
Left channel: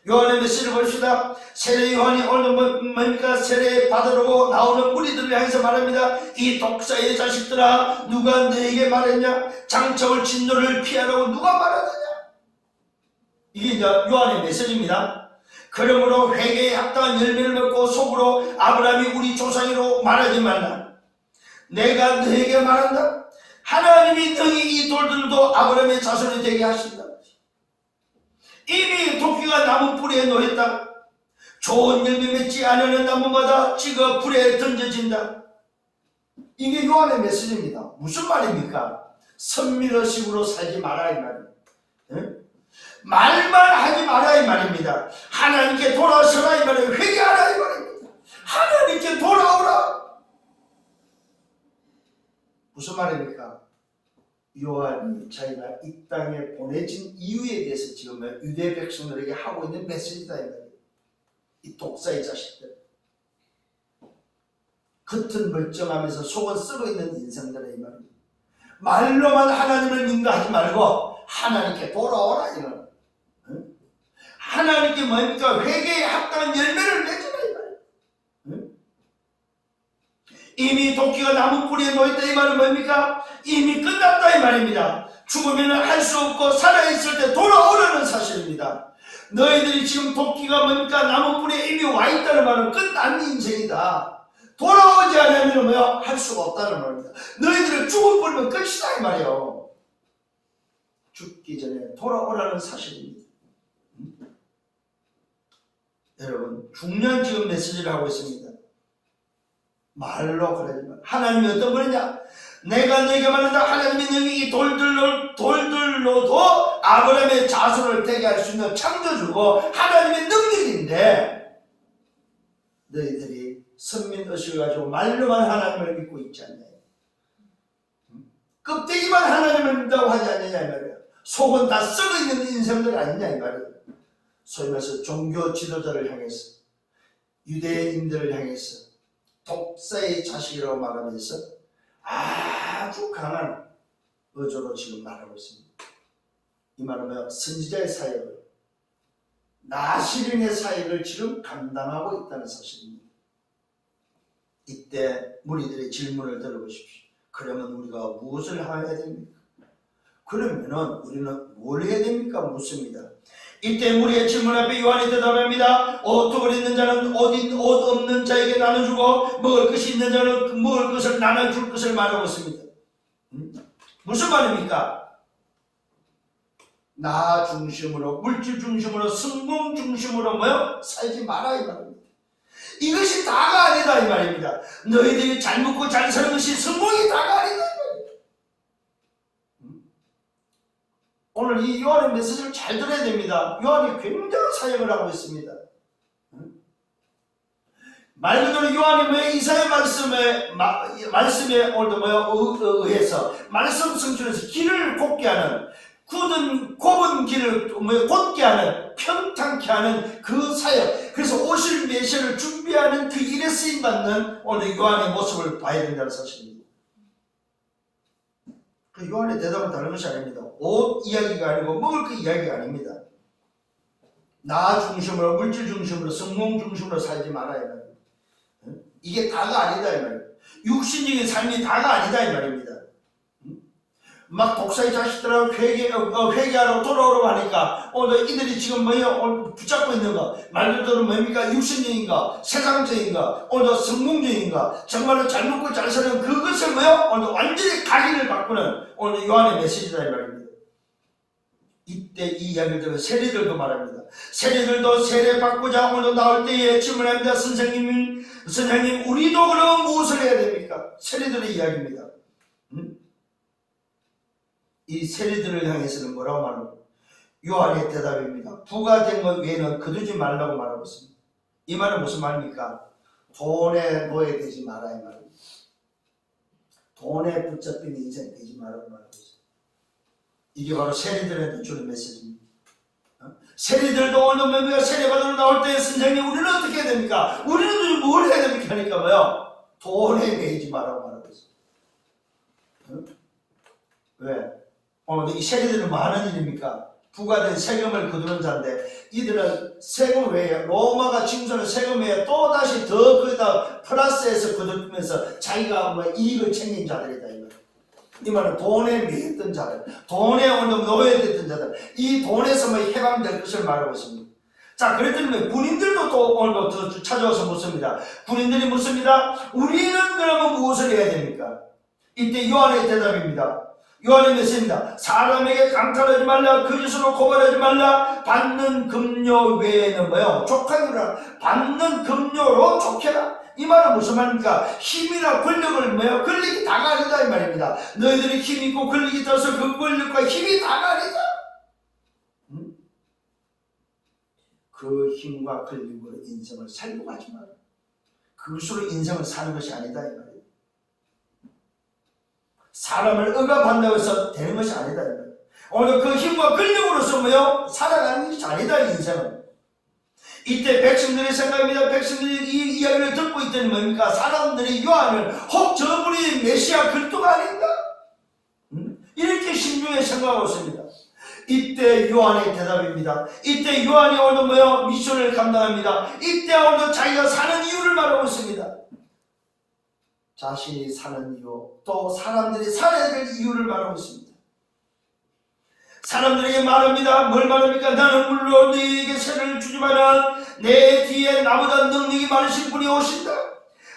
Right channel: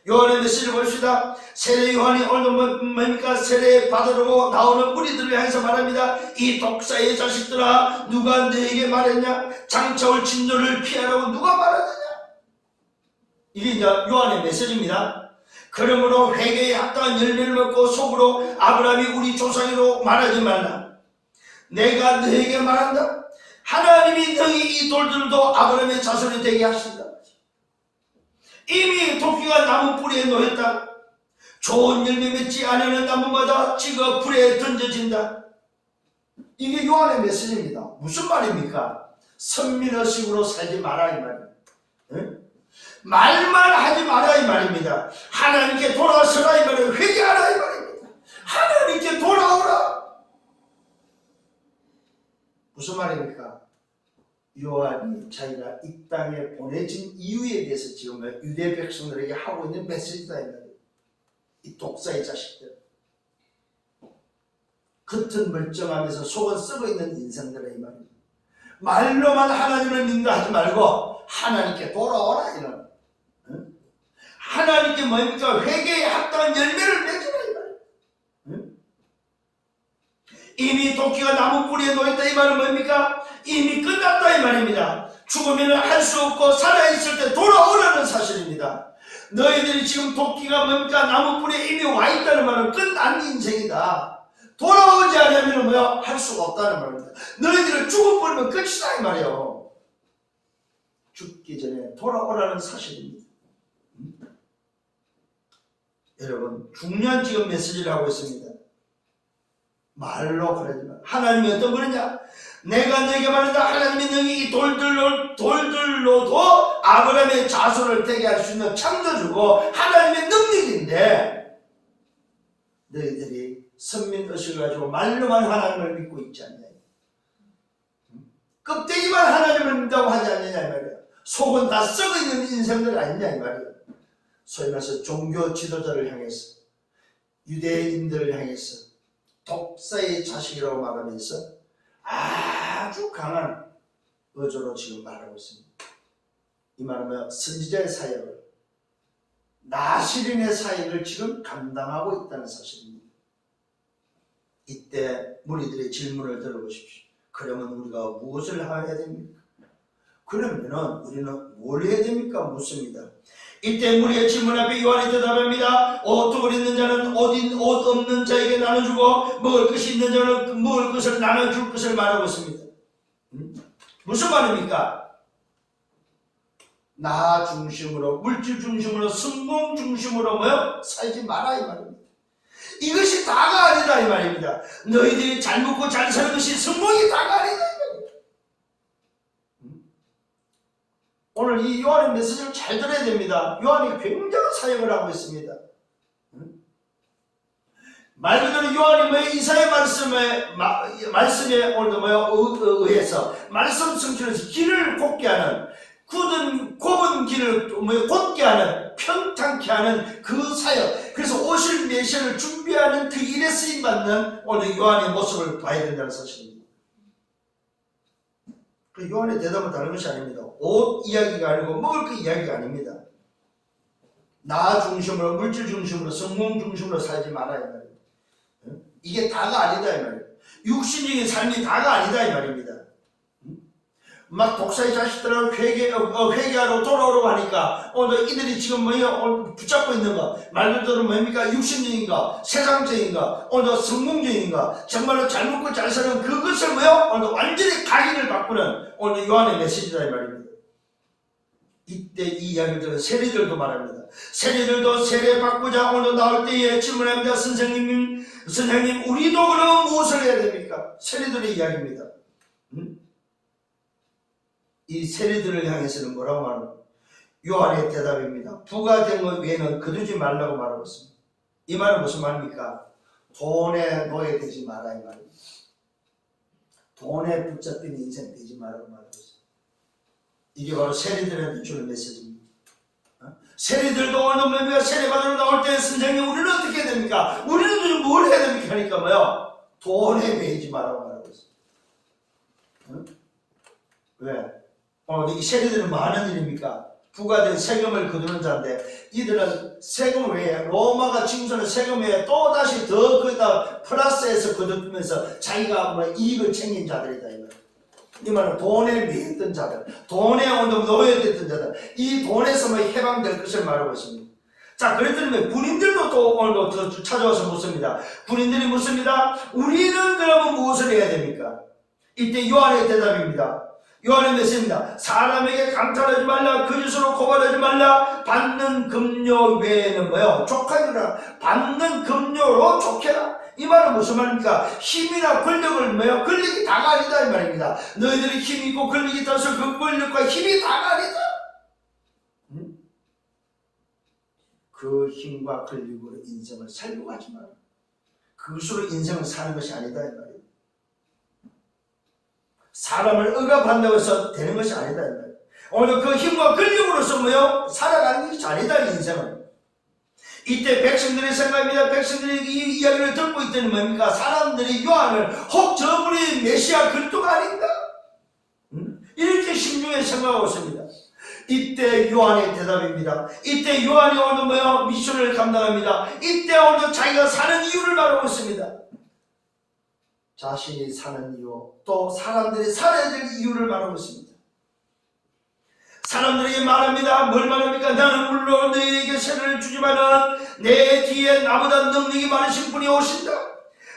요한의 메시지를 봅시다. 세례 요한이 오늘 뭡니까? 세례 받으러 나오는 무리들을 향해서 말합니다. 이 독사의 자식들아, 누가 너에게 말했냐? 장차올 진노를 피하라고 누가 말하느냐? 이게 이제 요한의 메시지입니다. 그러므로 회개에 합당한 열매를 맺고 속으로 아브라함이 우리 조상이로 말하지 말라. 내가 너에게 말한다. 하나님이 너희 이 돌들도 아브라함의 자손이 되게 하신다. 이미 도끼가 나무 뿌리에 놓였다. 좋은 열매 맺지 않는 나무마다 찍어 불에 던져진다. 이게 요한의 메시지입니다. 무슨 말입니까? 선민의식으로 살지 마라 이 말입니다. 말만 하지 마라 이 말입니다. 하나님께 돌아서라 이 말이에요. 회개하라 이 말입니다. 하나님께 돌아오라. 무슨 말입니까? 요한이 자기가 이 땅에 보내진 이유에 대해서 지금 유대 백성들에게 하고 있는 메시지다 이 말이에요. 이 독사의 자식들, 겉은 멀쩡하면서 속은 썩어있는 인생들의 이 말입니다. 말로만 하나님을 믿는다 하지 말고 하나님께 돌아오라 이런, 하나님께 뭡니까? 회개에 합당한 열매를 맺으라 이 말이에요. 이미 도끼가 나무 뿌리에 놓였다 이 말은 뭡니까? 이미 끝났다 이 말입니다. 죽으면 할 수 없고 살아있을 때 돌아오라는 사실입니다. 너희들이 지금 도끼가 뭡니까? 나무 뿌리에 이미 와있다는 말은 끝난 인생이다. 돌아오지 않으면 뭐야? 할 수가 없다는 말입니다. 너희들은 죽어버리면 끝이다 이 말이에요. 죽기 전에 돌아오라는 사실입니다. 여러분, 중요한 지금 메시지를 하고 있습니다. 말로 그러지만 하나님이 어떤 분이냐? 내가 너에게 말한다. 하나님이 너희 이 돌들로도 아브라함의 자손을 되게 할 수 있는 창조주고 하나님의 능력인데, 너희들이 선민의식을 가지고 말로만 하나님을 믿고 있지 않냐? 껍데기만 하나님을 믿다고 하지 않느냐 이 말이야. 속은 다 썩어있는 인생들 아니냐 이 말이야. 소위 말해서 종교 지도자를 향해서, 유대인들을 향해서 독사의 자식이라고 말하면서 아주 강한 어조로 지금 말하고 있습니다. 이 말은 선지자의 사역을, 나시린의 사역을 지금 감당하고 있다는 사실입니다. 이때 무리들의 질문을 들어보십시오. 그러면 우리가 무엇을 해야 됩니까? 그러면은 우리는 뭘 해야 됩니까? 묻습니다. 이때 무리의 질문 앞에 요한이 대답합니다. 옷을 입는 자는 옷 없는 자에게 나눠주고 먹을 것이 있는 자는 먹을 것을 나눠줄 것을 말하고 있습니다. 무슨 말입니까? 나 중심으로, 물질 중심으로, 성공 중심으로 뭐요? 살지 마라 이 말입니다. 이것이 다가 아니다 이 말입니다. 너희들이 잘 먹고 잘 사는 것이 성공이 다가 아니다 이 말입니다. 오늘 이 요한의 메시지를 잘 들어야 됩니다. 요한이 굉장한 사역을 하고 있습니다. 말 그대로 요한이 뭐 이사의 말씀에 오늘도 의해서 말씀 성취해서 길을 곱게 하는, 곱은 길을 곧게 하는, 평탄케 하는 그 사역, 그래서 오실 메시아를 준비하는 그 일에 쓰임받는 오늘 요한의 모습을 봐야 된다는 사실입니다. 그 요한의 대답은 다른 것이 아닙니다. 옷 이야기가 아니고 먹을 그 이야기가 아닙니다. 나 중심으로, 물질 중심으로, 성공 중심으로 살지 말아야 해요. 이게 다가 아니다 이 말이에요. 육신적인 삶이 다가 아니다 이 말입니다. 막 독사의 자식들하고 회개하러 돌아오라고 하니까 오늘 이들이 지금 뭐예요? 붙잡고 있는 거 말 그대로 뭡니까? 육신적인가? 세상적인가? 오늘 성공적인가? 정말로 잘 먹고 잘 사는 그것을 뭐예요? 오늘 완전히 각인을 바꾸는 오늘 요한의 메시지다 이 말입니다. 이때 이 이야기를 들은 세리들도 말합니다. 세리들도 세례 받고자 오늘 나올 때에 질문합니다. 선생님 우리도 그러면 무엇을 해야 됩니까? 세리들의 이야기입니다. 이 세리들을 향해서는 뭐라고 말합니까? 요한의 대답입니다. 부가된 것 외에는 거두지 말라고 말하고 있습니다. 이 말은 무슨 말입니까? 돈에 노예되지 마라 이 말입니다. 돈에 붙잡힌 인생 되지 말라고 말하고 있습니다. 이게 바로 세리들한테 주는 메시지입니다. 세리들도 오늘 뭡니까? 세례받으러 나올 때 선생님 우리는 어떻게 해야 됩니까? 우리는 도대체 뭘 해야 됩니까? 하니까 뭐요? 돈에 매이지 말라고 말하고 있습니다. 왜? 오늘 이 세리들은 뭐 하는 일입니까? 부과된 세금을 거두는 자인데 이들은 세금 외에 로마가 징수하는 세금 외에 또다시 더 거기다 플러스해서 거두면서 자기가 뭐 이익을 챙긴 자들이다 이 말은 돈에 매였던 자들, 돈에 오늘 노예됐던 자들, 이 돈에서 뭐 해방될 것을 말하고 있습니다. 자, 그랬더니 군인들도 또 오늘도 더 찾아와서 묻습니다. 군인들이 묻습니다. 우리는 그러면 무엇을 해야 됩니까? 이때 요한의 대답입니다. 요한의 메시지입니다. 사람에게 강탈하지 말라, 거짓으로 고발하지 말라, 받는 금료 외에는 뭐요? 족하니라. 받는 금료로 족해라. 이 말은 무슨 말입니까? 힘이나 권력을 뭐요? 권력이 다가 아니다 이 말입니다. 너희들이 힘이 있고 권력이 있어서 그 권력과 힘이 다가 아니다. 그 힘과 권력으로 인생을 살려고 하지 마라. 그것으로 인생을 사는 것이 아니다 이 말입니다. 사람을 억압한다고 해서 되는 것이 아니다 이 말이에요. 오늘 그 힘과 권력으로서 뭐요? 살아가는 것이 아니다 이 인생은. 이때 백성들의 생각입니다. 백성들이 이 이야기를 듣고 있더니 뭡니까? 사람들이 요한을 혹 저분이 메시아 그리스도가 아닌가? 이렇게 심중에 생각하고 있습니다. 이때 요한의 대답입니다. 이때 요한이 오늘 뭐요? 미션을 감당합니다. 이때 오늘 자기가 사는 이유를 말하고 있습니다. 자신이 사는 이유, 또 사람들이 살아야 될 이유를 말하고 있습니다. 사람들에게 말합니다. 뭘 말합니까? 나는 물론 너희에게 세례를 주지만은 내 뒤에 나보다 능력이 많으신 분이 오신다.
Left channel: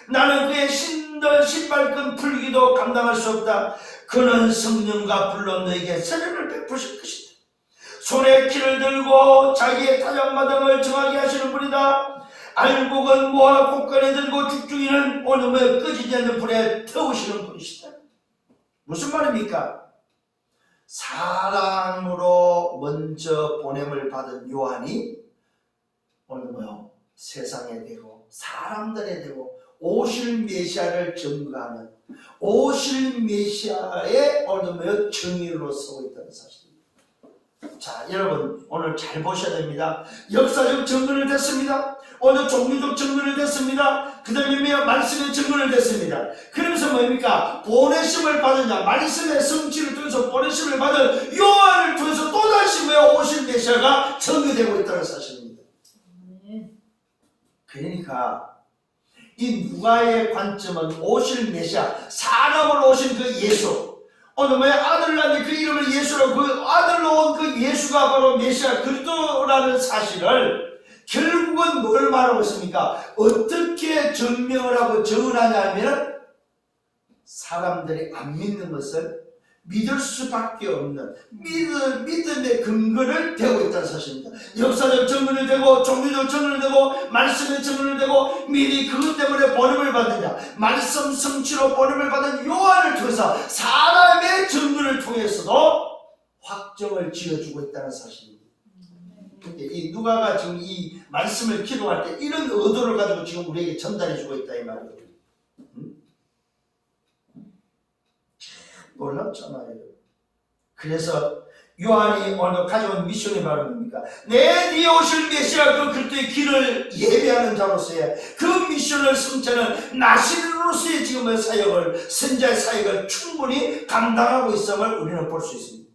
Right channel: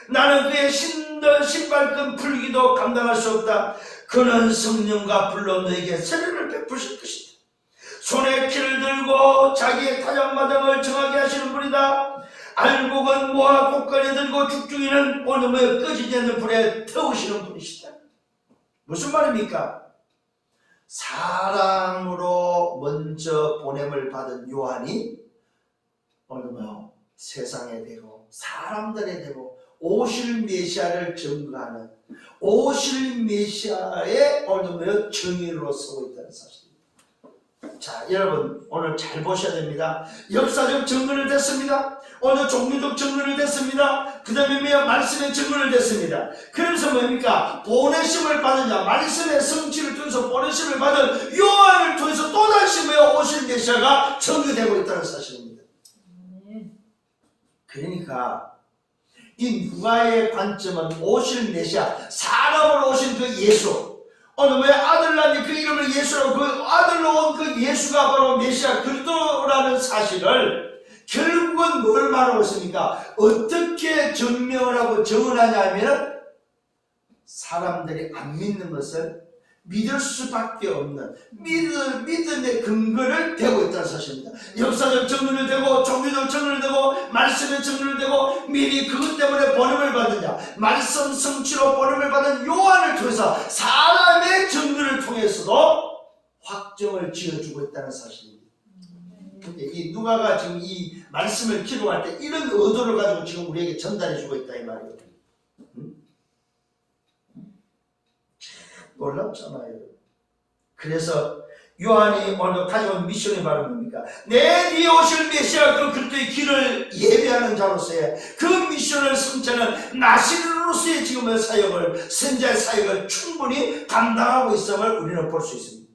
나는 그의 신발끈 풀기도 감당할 수 없다. 그는 성령과 불로 너에게 세례를 베푸실 것이다. 손에 키를 들고 자기의 타작마당을 정하게 하시는 분이다. 알곡은 모아 곳간에 들고 죽중이는 오늘의 꺼지지 않는 불에 태우시는 분이시다. 무슨 말입니까? 사랑으로 먼저 보냄을 받은 요한이 오늘 뭐요? 세상에 대고 사람들에 대고 오실 메시아를 증거하는 오실 메시아의 오늘 뭐요? 증인으로 서고 있다는 사실입니다. 자, 여러분 오늘 잘 보셔야 됩니다. 역사적 증거를 됐습니다. 오늘 종교적 증거를 됐습니다. 그 다음에 말씀의 증거를 됐습니다. 그러면서 뭡니까? 보내심을 받은 자, 말씀의 성취를 통해서 보내심을 받은 요한을 통해서 또다시 오실 메시아가 증거되고 있다는 사실입니다. 그러니까 이 누가의 관점은 오실 메시아, 사람으로 오신 그 예수, 오늘 아들 낳은 그 이름을 예수라고, 그 아들로 온 그 예수가 바로 메시아 그리스도라는 사실을 결국은 뭘 말하고 있습니까? 어떻게 증명을 하고 증언하냐 하면 사람들이 안 믿는 것을 믿을 수밖에 없는 믿음의 근거를 대고 있다는 사실입니다. 역사적 증거를 대고 종교적 증거를 대고 말씀의 증거를 대고 미리 그것 때문에 번음을 받은 자, 말씀 성취로 번음을 받은 요한을 통해서 사람의 증거를 통해서도 확정을 지어주고 있다는 사실입니다. 이 누가가 지금 이 말씀을 기록할 때 이런 의도를 가지고 지금 우리에게 전달해주고 있다 이 말이에요. 놀랍잖아요. 그래서 요한이 오늘 가져온 미션이 바로 뭡니까? 내 뒤에 오실 메시아 그 그리스도의 길을 예배하는 자로서의 그 미션을 성취하는 나시로서의 지금의 사역을, 선지자의 사역을 충분히 감당하고 있음을 우리는 볼 수 있습니다.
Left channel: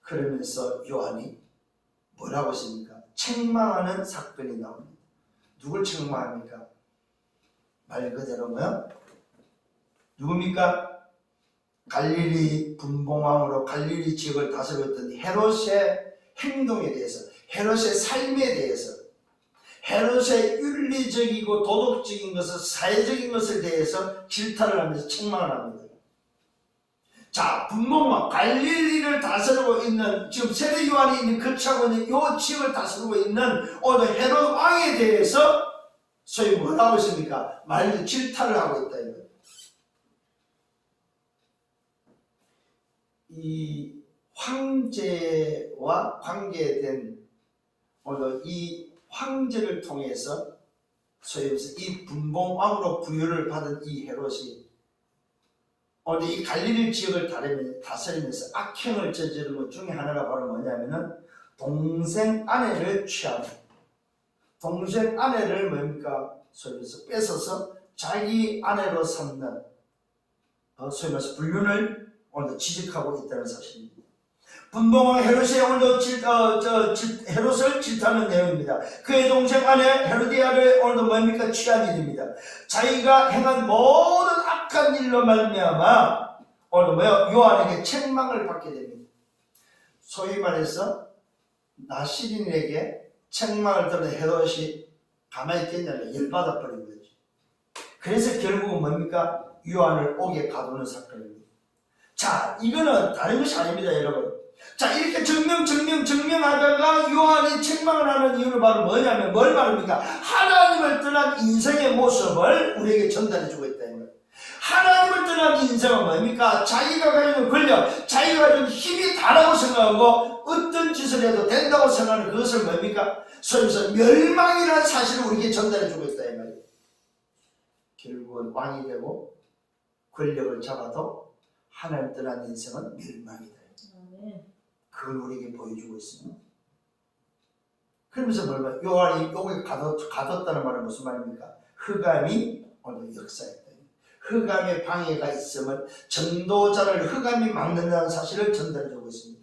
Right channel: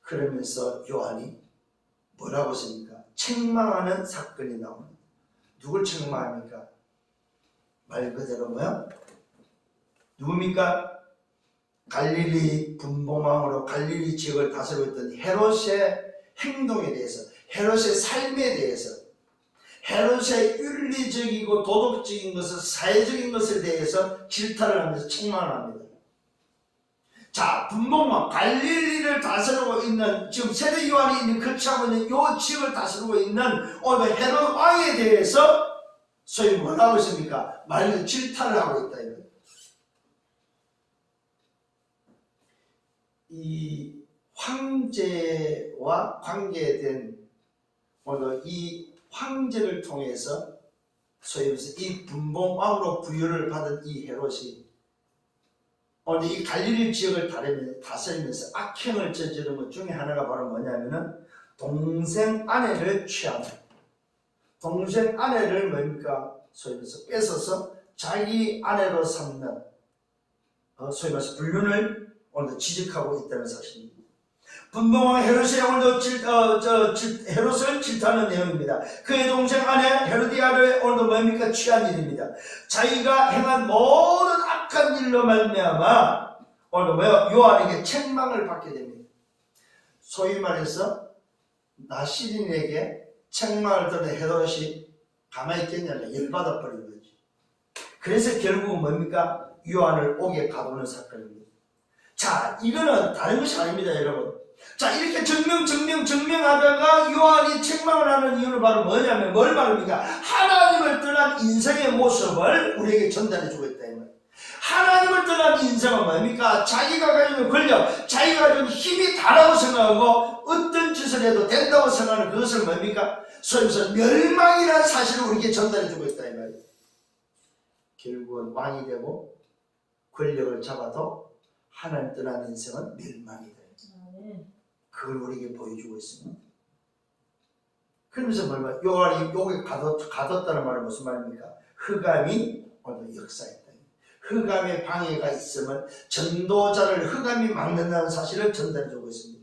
그러면서 요한이 뭐라고 했습니까? 책망하는 사건이 나옵니다. 누굴 책망합니까? 말 그대로 뭐야? 누굽니까? 갈릴리 분봉왕으로 갈릴리 지역을 다스리고 있던 헤롯의 행동에 대해서, 헤롯의 삶에 대해서, 헤롯의 윤리적이고 도덕적인 것을, 사회적인 것에 대해서 질타를 하면서 책망을 합니다. 자, 분봉왕 갈릴리를 다스리고 있는, 지금 세례 요한이 있는 거치하고 있는 이 지역을 다스리고 있는 오늘 헤롯 왕에 대해서 소위 뭐라고 했습니까? 말로 질타를 하고 있다 이거예요. 이 황제와 관계된 오늘 이 황제를 통해서 소위 말해서 이 분봉왕으로 부여를 받은 이 헤롯이 오늘 이 갈릴리 지역을 다스리면서 악행을 저지른 것 중에 하나가 바로 뭐냐면은 동생 아내를 취합니다. 동생 아내를 뭡니까? 소위 말해서 뺏어서 자기 아내로 삼는 소위 말해서 불륜을 오늘 지적하고 있다는 사실입니다. 분봉왕 헤롯의 오늘도 헤롯을 질타하는 내용입니다. 그의 동생 아내 헤로디아를 오늘도 뭡니까? 취한 일입니다. 자기가 행한 모든 악한 일로 말미암아 오늘 뭐요? 요한에게 책망을 받게 됩니다. 소위 말해서 나시린에게 책망을 들은 헤롯이 가만히 있겠냐면 열받아 버린 거죠. 그래서 결국은 뭡니까? 요한을 옥에 가두는 사건입니다. 자, 이거는 다른 것이 아닙니다, 여러분. 자, 이렇게 증명하다가 요한이 책망을 하는 이유는 바로 뭐냐면 뭘 말합니까? 하나님을 떠난 인생의 모습을 우리에게 전달해주고 있다. 하나님을 떠난 인생은 뭡니까? 자기가 가지는 권력, 자기가 가지는 힘이 다라고 생각하고 어떤 짓을 해도 된다고 생각하는 그것을 뭡니까? 소위 말해서 멸망이라는 사실을 우리에게 전달해주고 있다 이 말이에요. 결국은 왕이 되고 권력을 잡아도 하나님 떠난 인생은 멸망이다. 그 그걸 우리에게 보여주고 있습니다. 그러면서 뭐냐? 요한이 요게 가뒀다는 말은 무슨 말입니까? 흑암이 오늘 역사했다. 흑암의 방해가 있으면 전도자를 흑암이 막는다는 사실을 전달해주고 있습니다.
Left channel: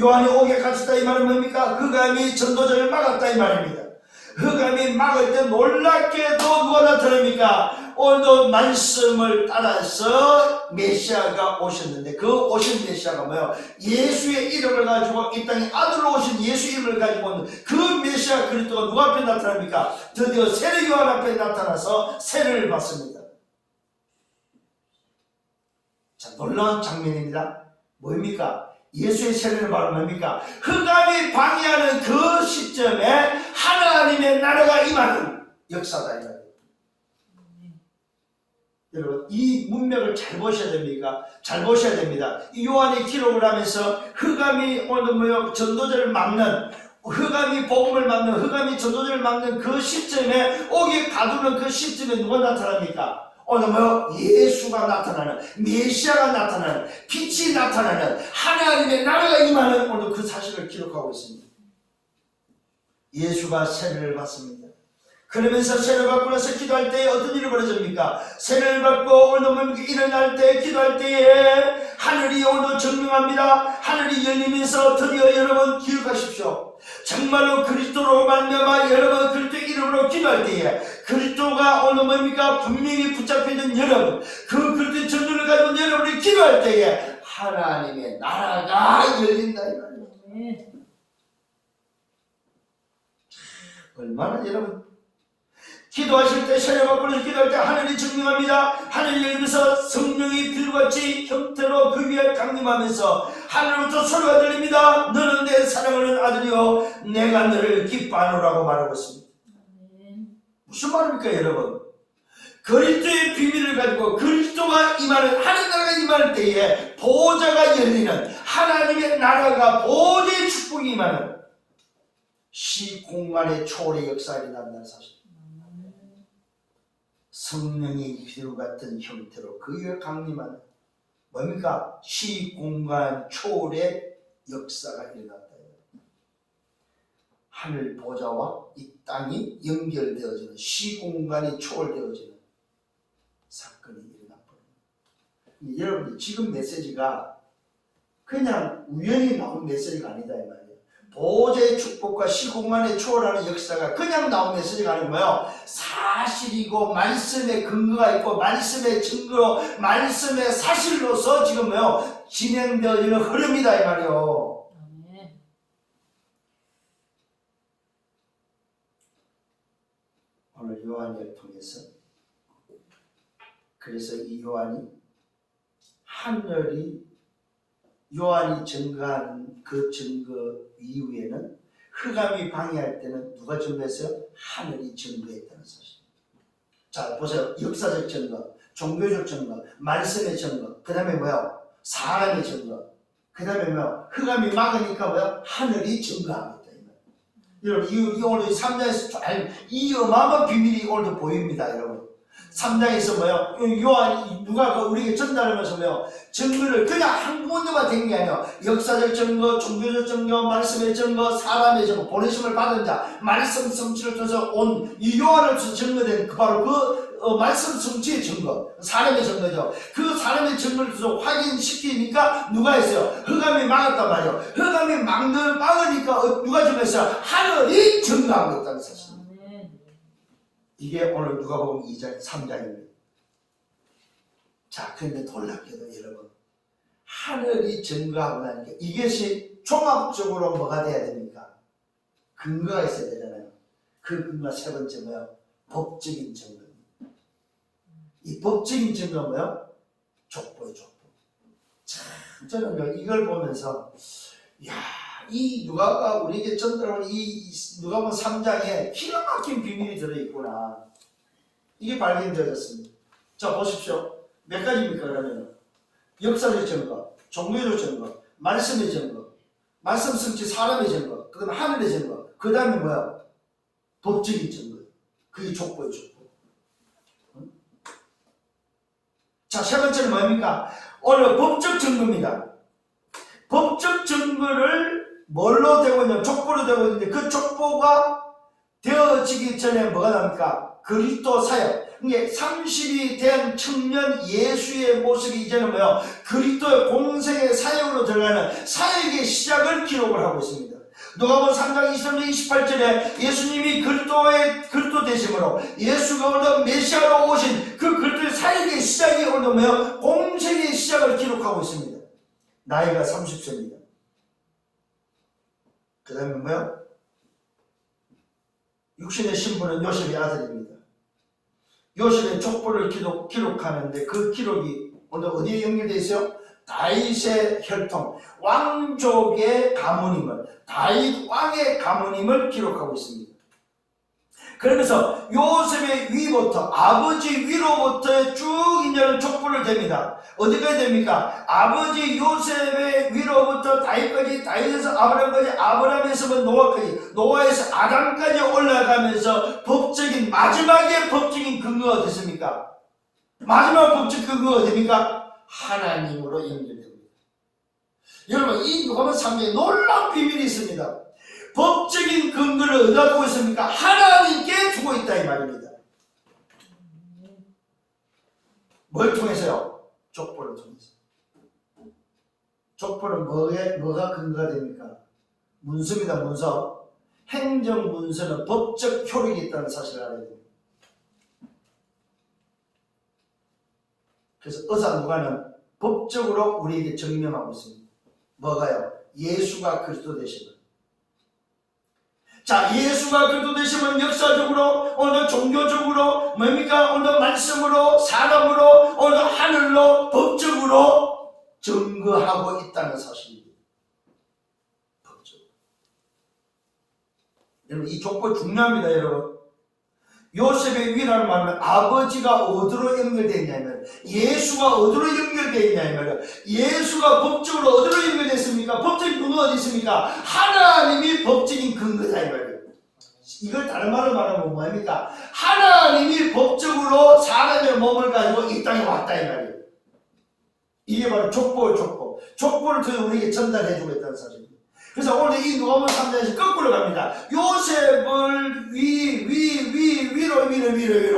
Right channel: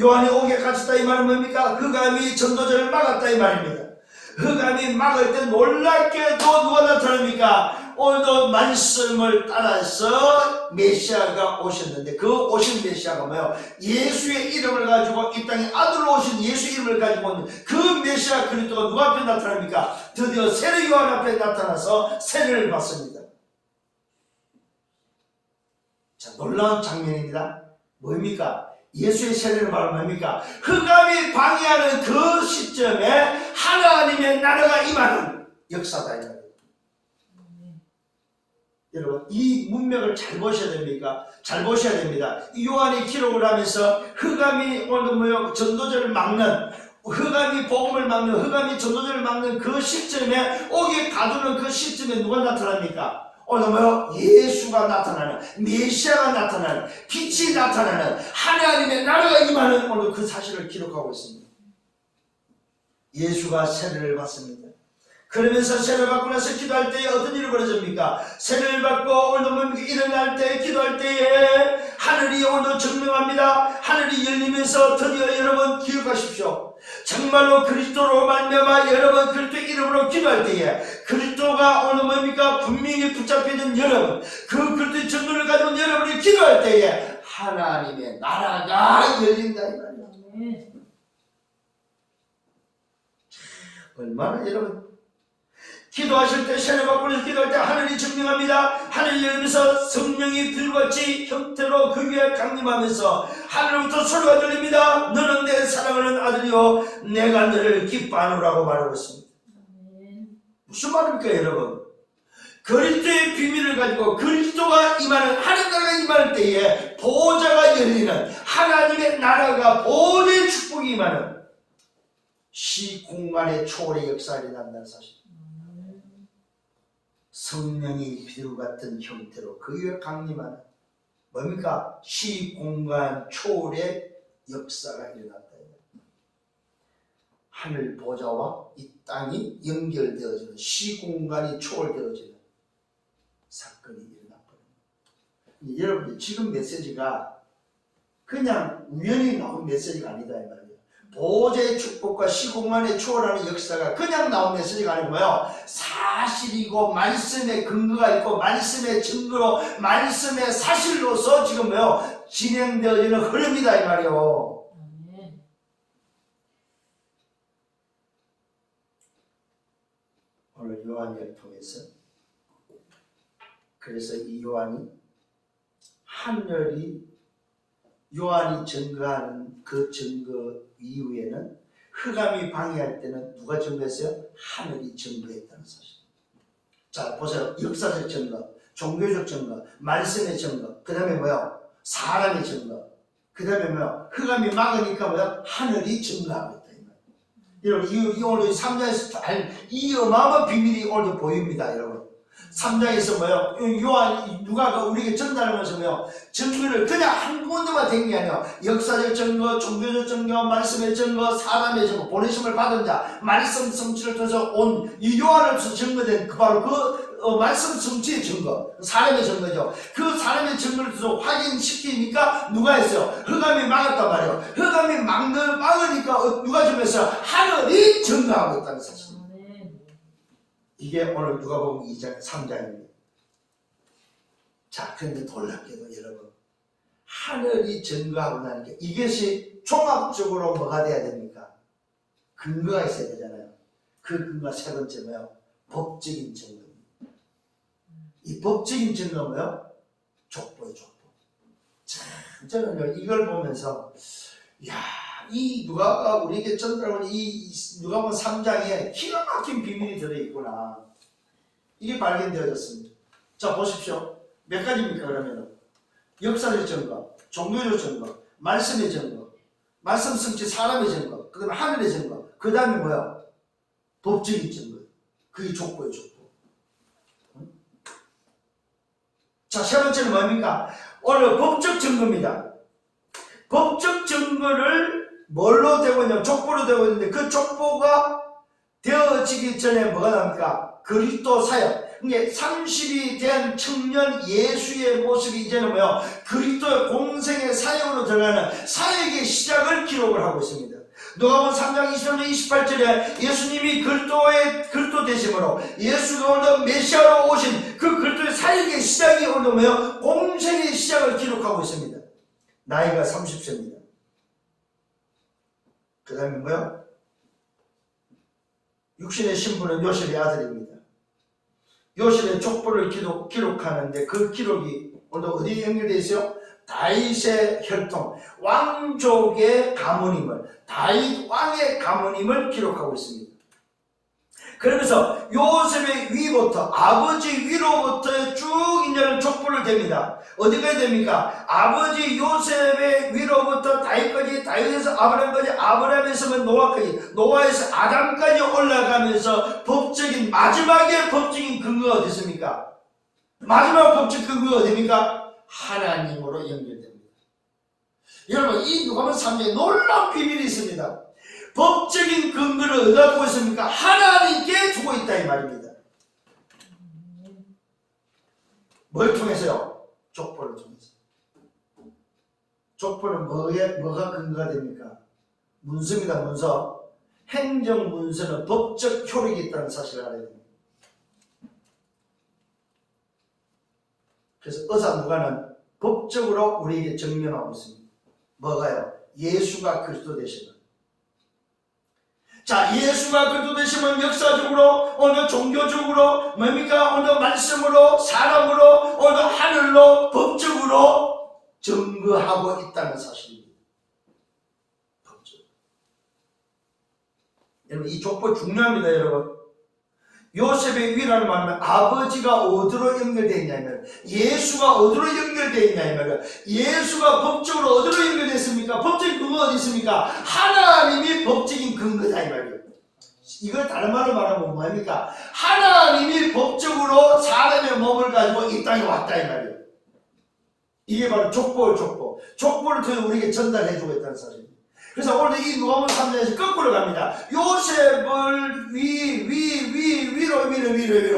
요한이 오게 가졌다 이 말은 뭡니까? 흑암이 전도자를 막았다 이 말입니다. 흑암이 막을 때 놀랍게도 누가 나타납니까? 오늘도 말씀을 따라서 메시아가 오셨는데 그 오신 메시아가 뭐예요? 예수의 이름을 가지고 이 땅에 아들로 오신 예수 이름을 가지고 오는 그 메시아 그리스도가 누가 앞에 나타납니까? 드디어 세례 요한 앞에 나타나서 세례를 받습니다. 자, 놀라운 장면입니다. 뭡니까? 예수의 세례를 말하면 뭡니까? 흑암이 방해하는 그 시점에 하나님의 나라가 임하는 역사다. 여러분 이 문맥을 잘 보셔야 됩니까? 잘 보셔야 됩니다. 이 요한이 기록을 하면서 흑암이 오늘 뭐요? 전도자를 막는 흑암이 복음을 막는 흑암이 전도자를 막는 그 시점에 오게 가두는 그 시점에 누가 나타납니까? 오늘 뭐요? 예수가 나타나는 메시아가 나타나는 빛이 나타나는 하나님의 나라가 임하는 오늘 그 사실을 기록하고 있습니다. 예수가 세례를 받습니다. 그러면서 세례를 받고 나서 기도할 때에 어떤 일이 벌어집니까? 세례를 받고 오늘 일어날 때 기도할 때에 하늘이 오늘 증명합니다. 하늘이 열리면서 드디어 여러분 기억하십시오. 정말로 그리스도로 말미암아 여러분 그리스도 이름으로 기도할 때에 그리스도가 오늘 뭡니까? 분명히 붙잡혀있는 여러분 그 그리스도의 전도를 가진 여러분이 기도할 때에 하나님의 나라가 열린다 이 말이에요. 얼마나 여러분 기도하실 때 세례 받고 기도할 때 하늘이 증명합니다. 하늘이 열리면서 성령이 비둘같이 형태로 그 위에 강림하면서 하늘로부터 소리가 들립니다. 너는 내 사랑하는 아들이요 내가 너를 기뻐하노라고 말하고 있습니다. 무슨 말입니까 여러분? 그리스도의 비밀을 가지고 그리스도가 임하는 하늘 나라가 임할 때에 보좌가 열리는 하나님의 나라가 보좌의 축복이 임하는 시공간의 초월의 역사가 일어난다는 사실. 성령이 비둘 같은 형태로 그 위에 강림하는 뭡니까? 시공간 초월의 역사가 일어났다. 하늘 보좌와 이 땅이 연결되어지는 시공간이 초월되어지는 사건이 일어났거든요. 여러분들 지금 메시지가 그냥 우연히 나온 메시지가 아니다 이 말이에요. 보좌의 축복과 시공간의 초월하는 역사가 그냥 나온 메시지가 아니고 뭐예요? 사실이고 말씀의 근거가 있고 말씀의 증거로 말씀의 사실로서 지금 뭐예요? 진행되어지는 흐름이다 이 말이에요. 오늘 요한을 통해서 그래서 이 요한이 하늘이 요한이 증거하는 그 증거 이후에는 흑암이 방해할 때는 누가 증거했어요? 하늘이 증거했다는 사실. 자 보세요. 역사적 증거, 종교적 증거, 말씀의 증거, 그 다음에 뭐요? 사람의 증거, 그 다음에 뭐요? 흑암이 막으니까 뭐요? 하늘이 증거하고 있다. 여러분 이 오늘 3장에서 이 어마어마한 비밀이 오늘 보입니다. 여러분 3장에서 뭐요? 요한 누가 우리에게 전달하면서 뭐요? 증거를 그냥 한 군데만 된 게 아니라 역사적 증거, 종교적 증거, 말씀의 증거, 사람의 증거, 보내심을 받은 자, 말씀 성취를 통해서 온 이 요한으로서 증거된 바로 그 말씀 성취의 증거, 사람의 증거죠. 그 사람의 증거를 통해서 확인시키니까 누가 했어요? 흑암이 막았단 말이에요. 흑암이 막으니까 누가 증거했어요? 하늘이 증거하고 있다는 사실. 이게 오늘 누가복음 2장, 3장입니다. 자, 그런데 놀랍게도 여러분, 하늘이 증거하고 나니까 이것이 종합적으로 뭐가 돼야 됩니까? 근거가 있어야 되잖아요. 그 근거가 세 번째 뭐예요? 법적인 증거입니다. 이 법적인 증거가 뭐예요? 족보예요, 족보. 참, 저는 이걸 보면서, 야, 이 누가가 우리에게 전달하는 이 누가복음 3장에 기가 막힌 비밀이 들어있구나. 이게 발견되어졌습니다. 자 보십시오. 몇 가지입니까 그러면? 역사적 증거, 종교적 증거, 말씀의 증거, 말씀 성취 사람의 증거, 그 다음에 하늘의 증거, 그 다음에 뭐야? 법적인 증거. 그게 족보예요, 족보. 자, 세 번째는 뭡니까? 오늘 법적 증거입니다. 법적 증거를 뭘로 되고 있냐? 족보로 되고 있는데 그 족보가 되어지기 전에 뭐가 납니까? 그리스도 사역. 이게 30이 된 청년 예수의 모습이 이제는 뭐요? 그리스도의 공생의 사역으로 들어가는 사역의 시작을 기록을 하고 있습니다. 누가복음 3장 23절 28절에 예수님이 그리스도 되심으로 예수가 오늘 메시아로 오신 그 그리스도의 사역의 시작이 오늘 뭐요? 공생의 시작을 기록하고 있습니다. 나이가 30세입니다. 그 다음에 뭐요? 육신의 신분은 요셉의 아들입니다. 요셉의 족보를 기록하는데 그 기록이 오늘 어디에 연결되어 있어요? 다윗의 혈통, 왕족의 가문임을, 다윗 왕의 가문임을 기록하고 있습니다. 그러면서 요셉의 위부터, 아버지 위로부터 쭉 이제는 족보를 댑니다. 어디까지 됩니까? 아버지 요셉의 위로부터 다윗까지, 다윗에서 아브라함까지, 아브라함에서 노아까지, 노아에서 아담까지 올라가면서 법적인, 마지막에 법적인 근거가 됐습니까? 마지막 법적 근거가 됩니까? 하나님으로 연결됩니다. 여러분, 이 누가복음 3장에 놀라운 비밀이 있습니다. 법적인 근거를 어디다 두고 있습니까? 하나님께 두고 있다 이 말입니다. 뭘 통해서요? 족보를 통해서. 족보는 뭐가 근거가 됩니까? 문서입니다. 문서. 행정 문서는 법적 효력이 있다는 사실을 알아야 됩니다. 그래서 의사 누가는 법적으로 우리에게 증명하고 있습니다. 뭐가요? 예수가 그리스도 되시는. 자, 예수가 그리스도 되시면 역사적으로, 오늘 종교적으로, 뭡니까? 오늘 말씀으로, 사람으로, 오늘 하늘로, 법적으로 증거하고 있다는 사실입니다. 법적. 여러분, 이 족보 중요합니다, 여러분. 요셉의 위라는 말은 아버지가 어디로 연결되어 있냐면, 예수가 어디로 연결되어 있냐면, 예수가 법적으로 어디로 연결되어 있습니까? 법적인 근거가 어디 있습니까? 하나님이 법적인 근거다 이 말이에요. 이걸 다른 말로 말하면 뭐입니까? 하나님이 법적으로 사람의 몸을 가지고 이 땅에 왔다 이 말이에요. 이게 바로 족보를 통해 우리에게 전달해주고 있다는 사실입니다. 그래서 오늘 이 누가복음 3장에서 거꾸로 갑니다. 요셉을 위로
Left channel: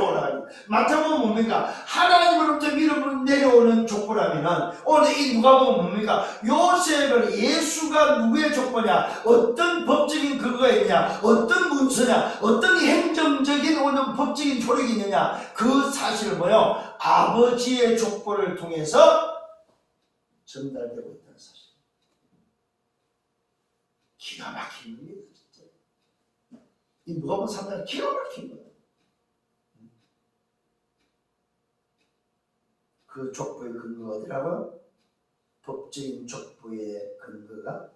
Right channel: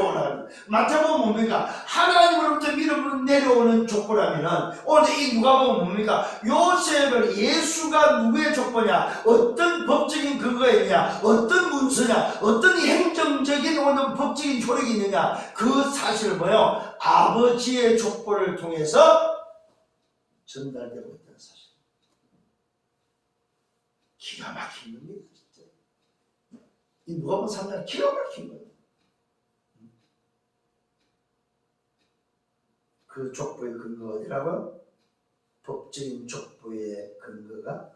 올라갑니다. 마태복음 뭡니까? 하나님으로부터 위로 내려오는 족보라면 오늘 이 누가복음 뭡니까? 요셉을 예수가 누구의 족보냐? 어떤 법적인 근거가 있냐? 어떤 문서냐? 어떤 행정적인 오늘 법적인 효력이 있느냐? 그 사실을 뭐요? 아버지의 족보를 통해서 전달되고 있다는 사실. 기가 막힌 겁니다. 진짜. 이 누가복음 3장 기가 막힌 거예요. 그 족보의 근거가 어디라고요? 법적인 족보의 근거가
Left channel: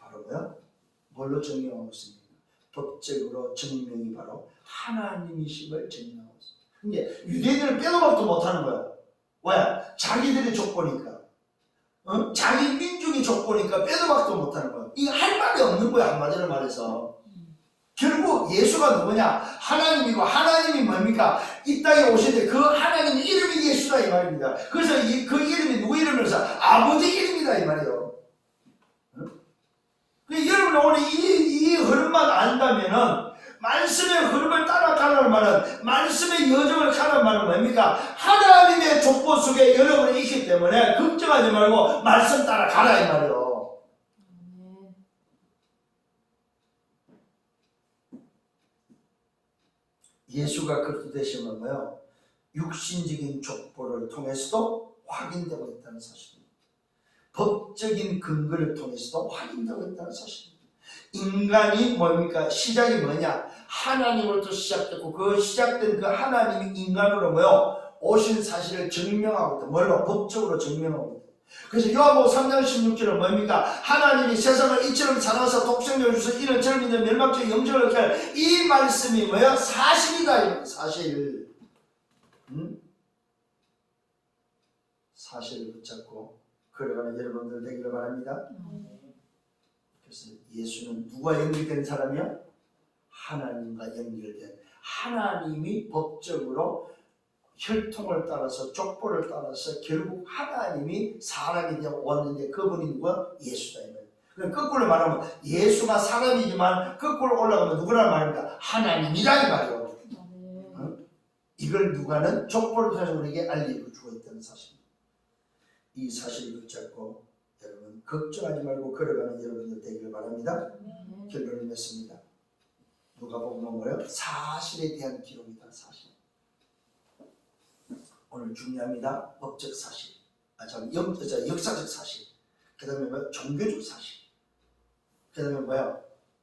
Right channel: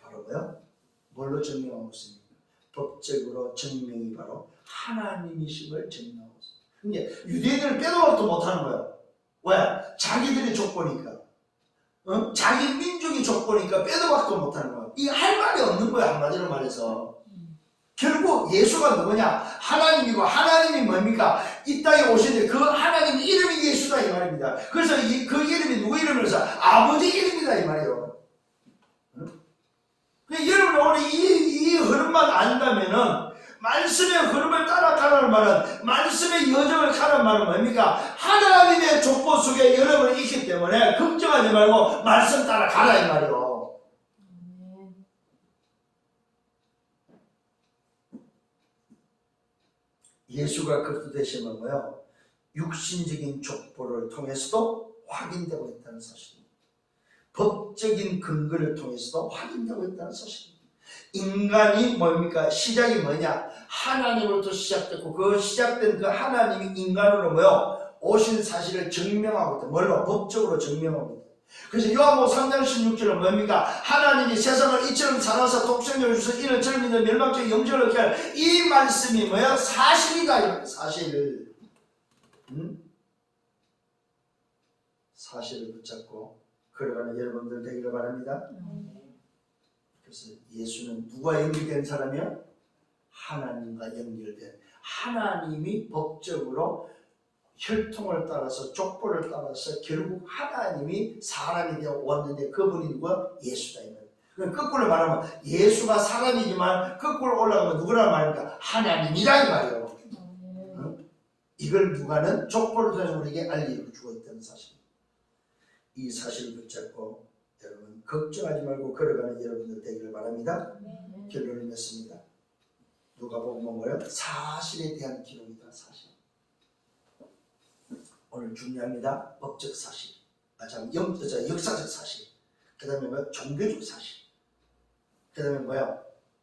바로 뭐야? 뭘로 증명하고 있습니까? 법적으로 증명이 바로 하나님이심을 증명하고 있습니다. 근데 유대인들은 빼도 박도 못하는 거야. 왜? 자기들의 족보니까. 자기 민족의 족보니까 빼도 박도 못하는 거야. 이게 할 말이 없는 거야, 한마디로 말해서. 결국 예수가 누구냐? 하나님이고, 하나님이 뭡니까? 이 땅에 오시는데 그 하나님 이름이 예수다 이 말입니다. 그래서 그 이름이 누구 이름이면서 아버지 이름이다 이 말이에요. 여러분 오늘 이 흐름만 안다면은, 말씀의 흐름을 따라가라는 말은, 말씀의 여정을 가라는 말은 뭡니까? 하나님의 족보 속에 여러분이 있기 때문에 걱정하지 말고 말씀 따라가라 이 말이에요. 예수가 그리스도 되시면 뭐요? 육신적인 족보를 통해서도 확인되고 있다는 사실입니다. 법적인 근거를 통해서도 확인되고 있다는 사실입니다. 인간이 뭡니까? 시작이 뭐냐? 하나님으로부터 시작됐고 그 시작된 그 하나님이 인간으로 뭐요? 오신 사실을 증명하고 있다. 뭘로? 법적으로 증명하고 있다. 그래서 요한복음 3장 16절은 뭡니까? 하나님이 세상을 이처럼 사랑하사 독생자를 주셔서 이는 저를 믿는 멸망적인 영생을 얻게 할 이 말씀이 뭐야? 사실이다. 사실. 사실을 붙잡고 걸어가는 여러분들 되기를 바랍니다. 그래서 예수는 누가 연결된 사람이요? 하나님과 연결된, 하나님이 법적으로 혈통을 따라서 족보를 따라서 결국 하나님이 사람이 되어 왔는데 그분이 누구야? 예수다. 거꾸로 말하면 예수가 사람이지만 거꾸로 올라가면 누구란 말입니까? 하나님이란 말이에요. 이걸 누가는 족보를 통해서 우리에게 알려주고 있다는 사실입니다. 이 사실을 붙잡고 여러분 걱정하지 말고 걸어가는 여러분들 되기를 바랍니다. 결론을 맺습니다. 누가복음은 뭐예요? 사실에 대한 기록이다. 사실. 오늘 중요합니다. 법적 사실. 역사적 사실. 그 다음에 뭐야? 종교적 사실. 그 다음에 뭐야?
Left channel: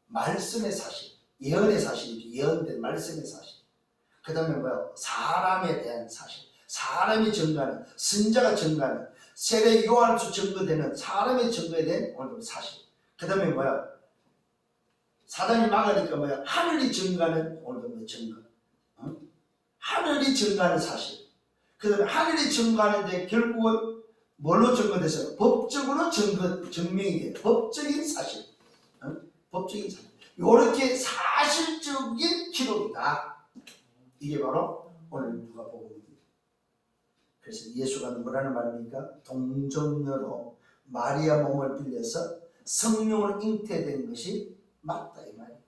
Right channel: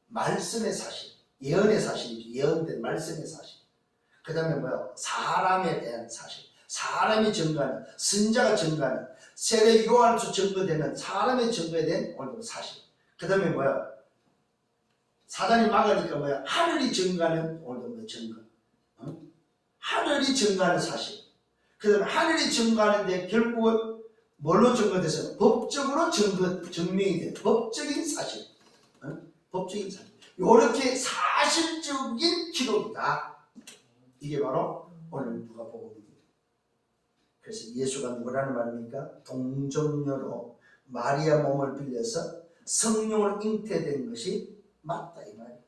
말씀의 사실. 예언의 사실이죠. 예언된 말씀의 사실. 그 다음에 뭐야? 사람에 대한 사실. 사람이 증거하는, 선자가 증거하는, 세례 요한에서 증거되는 사람의 증거에 대한 오늘 사실. 그 다음에 뭐야? 사단이 막으니까 뭐야? 하늘이 증거하는 오늘 뭐 증거. 하늘이 증거하는 사실. 그 다음에 하늘이 증거하는데 결국은 뭘로 증거됐어요? 법적으로 증명이 돼요. 법적인 사실. 법적인 사실. 이렇게 사실적인 기록이다. 이게 바로 오늘 누가복음입니다. 그래서 예수가 누구라는 말입니까? 동정녀로 마리아 몸을 빌려서 성령으로 잉태된 것이 맞다 이 말이에요.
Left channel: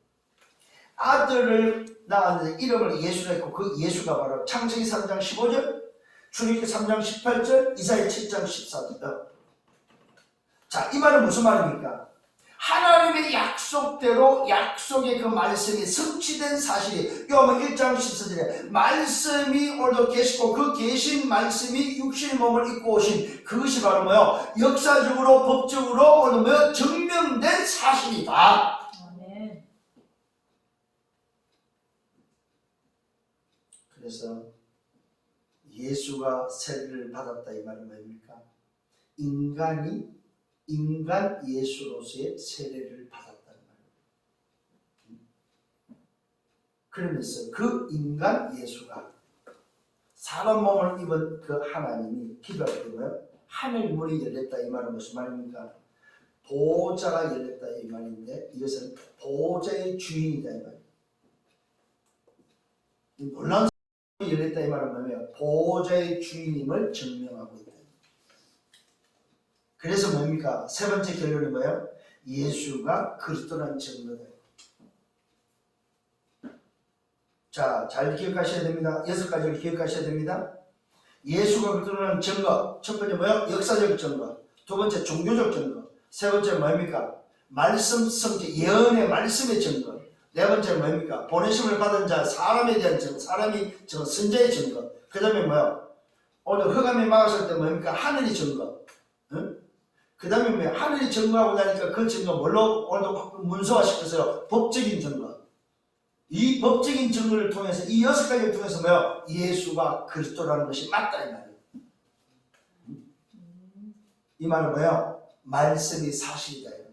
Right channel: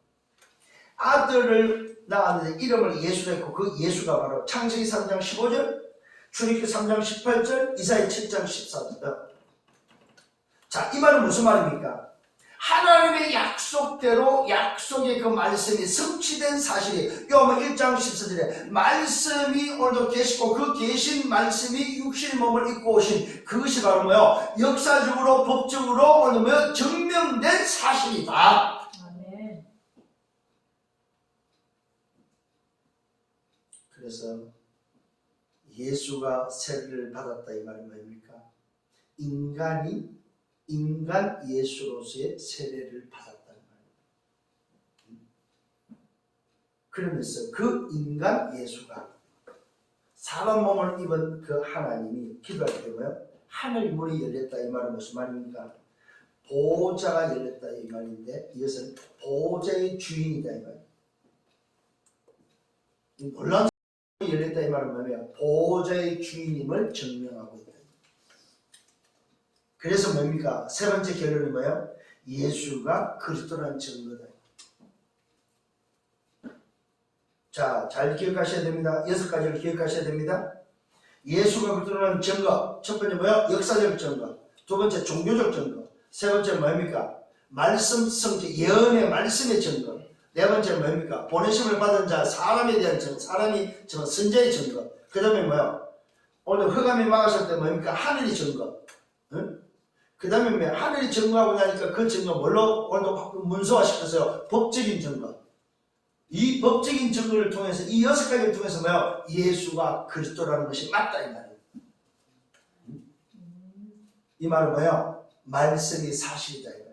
아들을 낳았는데 이름을 예수라 했고 그 예수가 바로 창세기 3장 15절, 출애굽기 3장 18절, 이사야 7장 14절. 자, 이 말은 무슨 말입니까? 하나님의 약속대로 약속의 그 말씀이 성취된 사실이 요한복음 1장 14절에 말씀이 오늘도 계시고 그 계신 말씀이 육신의 몸을 입고 오신 그것이 바로 뭐요? 역사적으로 법적으로 오늘 뭐 증명된 사실이다. 아멘. 그래서 예수가 세례를 받았다 이 말은 뭡니까? 인간 예수로서의 세례를 받았다는 말입니다. 그러면서 그 인간 예수가 사람 몸을 입은 그 하나님이 기도할 때 뭐예요? 하늘 문이 열렸다 이 말은 무슨 말입니까? 보좌가 열렸다 이 말인데 이것은 보좌의 주인이다 이 말입니다. 놀라운 문이 열렸다 이 말은 뭐냐면 보좌의 주인임을 증명하고 있다. 그래서 뭡니까? 세 번째 결론이 뭐예요? 예수가 그리스도라는 증거다. 자, 잘 기억하셔야 됩니다. 6가지를 기억하셔야 됩니다. 예수가 그리스도라는 증거. 첫 번째 뭐예요? 역사적 증거. 두 번째 종교적 증거. 세 번째 뭡니까? 말씀 성취, 예언의 말씀의 증거. 네 번째 뭡니까? 보내심을 받은 자, 사람에 대한 증거, 사람이 증거, 선자의 증거. 그 다음에 뭐예요? 오늘 흑암이 막았을 때 뭡니까? 하늘이 증거. 응? 그 다음에 뭐 하늘이 증거하고 나니까 그 증거 뭘로 오늘도 문서화시켰어요? 법적인 증거. 이 법적인 증거를 통해서 이 6가지를 통해서 뭐요? 예수가 그리스도라는 것이 맞다 이 말이에요. 이 말은 뭐예요? 말씀이 사실이다 이 말이에요.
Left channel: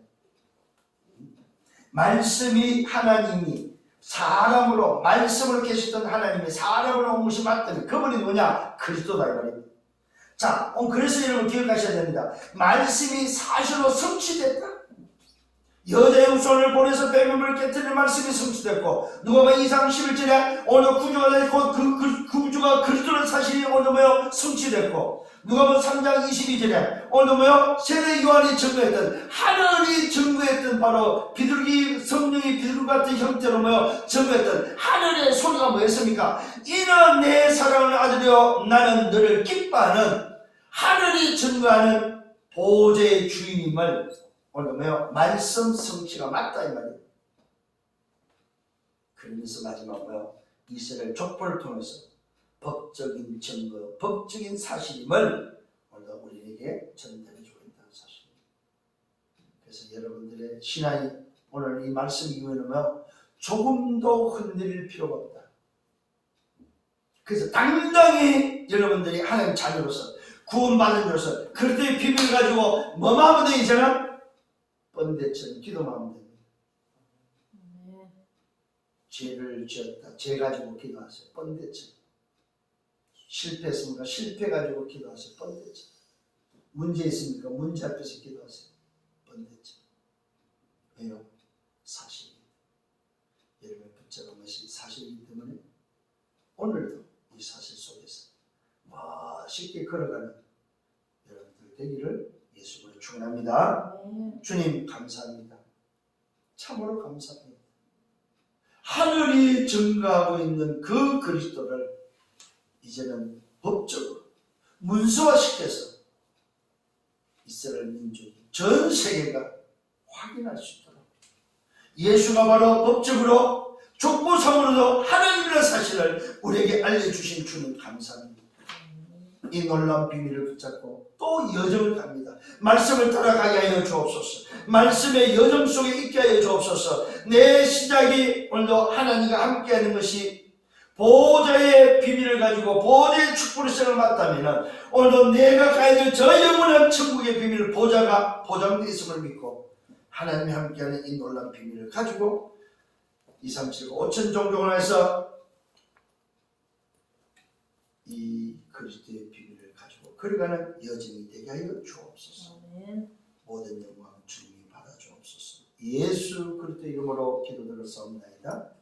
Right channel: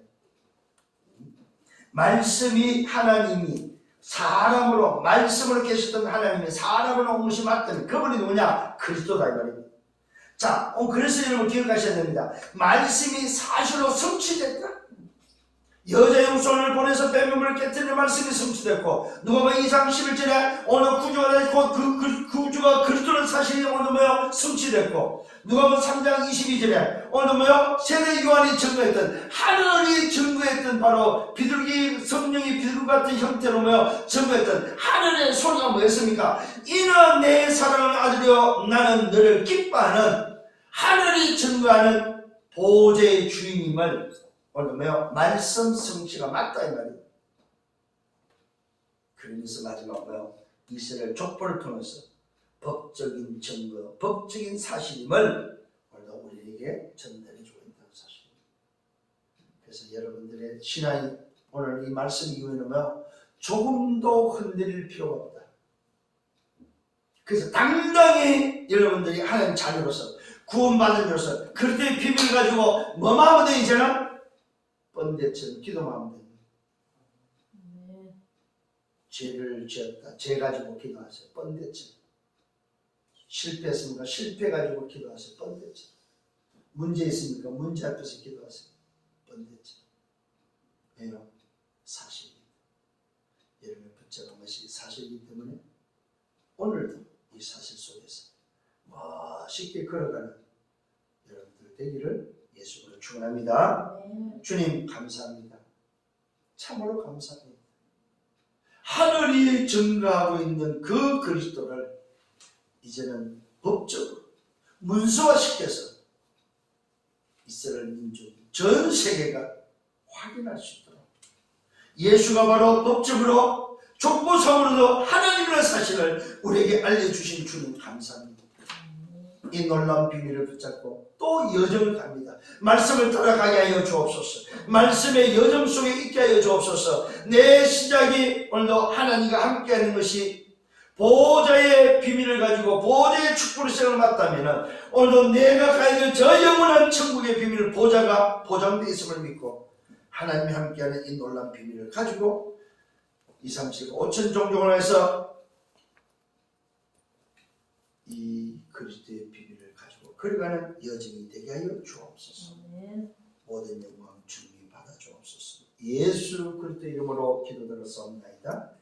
말씀이 하나님이 사람으로 말씀으로 계셨던 하나님이 사람으로 온 것이 맞다면 그분이 누구냐? 그리스도다 이 말이에요. 자, 그래서 여러분 기억하셔야 됩니다. 말씀이 사실로 성취됐다. 여자 영손을 보내서 뱀을 깨뜨리는 말씀이 성취됐고 누가복음 2장 11절에 오늘 구주가 됐고 그 구주가 그리스도는 사실이 오늘 뭐요? 성취됐고 누가복음 3장 22절에 오늘 뭐요? 세례 요한이 증거했던 하늘이 증거했던 바로 비둘기 성령이 비둘기 같은 형태로 뭐요? 증거했던 하늘의 소리가 뭐였습니까? 이는 내 사랑하는 아들이여 나는 너를 기뻐하는 하늘이 증거하는 보좌의 주인임을 오늘 뭐요? 말씀 성취가 맞다 이 말이에요. 그러면서 마지막 뭐요? 이스라엘 족보를 통해서 법적인 증거, 법적인 사실임을 오늘 우리에게 전달해 주고 있다는 사실입니다. 그래서 여러분들의 신앙이 오늘 이 말씀 이후에는 뭐요? 조금도 흔들릴 필요가 없다. 그래서 당당히 여러분들이 하나님 자녀로서 구원받은 자로서 그리스도의 비밀을 가지고 뭐만 하면 돼 이제는? 번데처럼 기도만 하면 됩니다. 죄를 지었다. 죄 가지고 기도하세요. 번데처럼. 실패했습니까? 실패 가지고 기도하세요. 번데처럼. 문제 있습니까? 문제 앞에서 기도하세요. 번데처럼. 왜요? 사실입니다. 여러분이 붙잡은 것이 사실이기 때문에 오늘도 이 사실 속에서 멋있게 걸어가는 여러분들 되기를 예수로 축복합니다. 축원합니다. 아멘. 주님 감사합니다. 참으로 감사합니다. 하늘이 증가하고 있는 그 그리스도를 이제는 법적으로 문서화시켜서 이스라엘 민족이 전 세계가 확인할 수 있도록 예수가 바로 법적으로 족보상으로도 하나님이라는 사실을 우리에게 알려주신 주님 감사합니다. 이 놀라운 비밀을 붙잡고 또 여정을 갑니다. 말씀을 따라가게 하여 주옵소서. 말씀의 여정 속에 있게 하여 주옵소서. 내 시작이 오늘도 하나님과 함께하는 것이 보호자의 비밀을 가지고 보호자의 축복의 시작을 맞다면 오늘도 내가 가야 될 저 영원한 천국의 비밀 보호자가 보장되어 있음을 믿고 하나님이 함께하는 이 놀라운 비밀을 가지고 2, 3, 7, 5천 종족을 해서 이 그리스도의 비밀을 가지고 걸어가는 여정이 되게 하여 주옵소서. 아멘. 모든 영광 주님이 받아 주옵소서. 예수 그리스도 이름으로 기도드렸사옵나이다.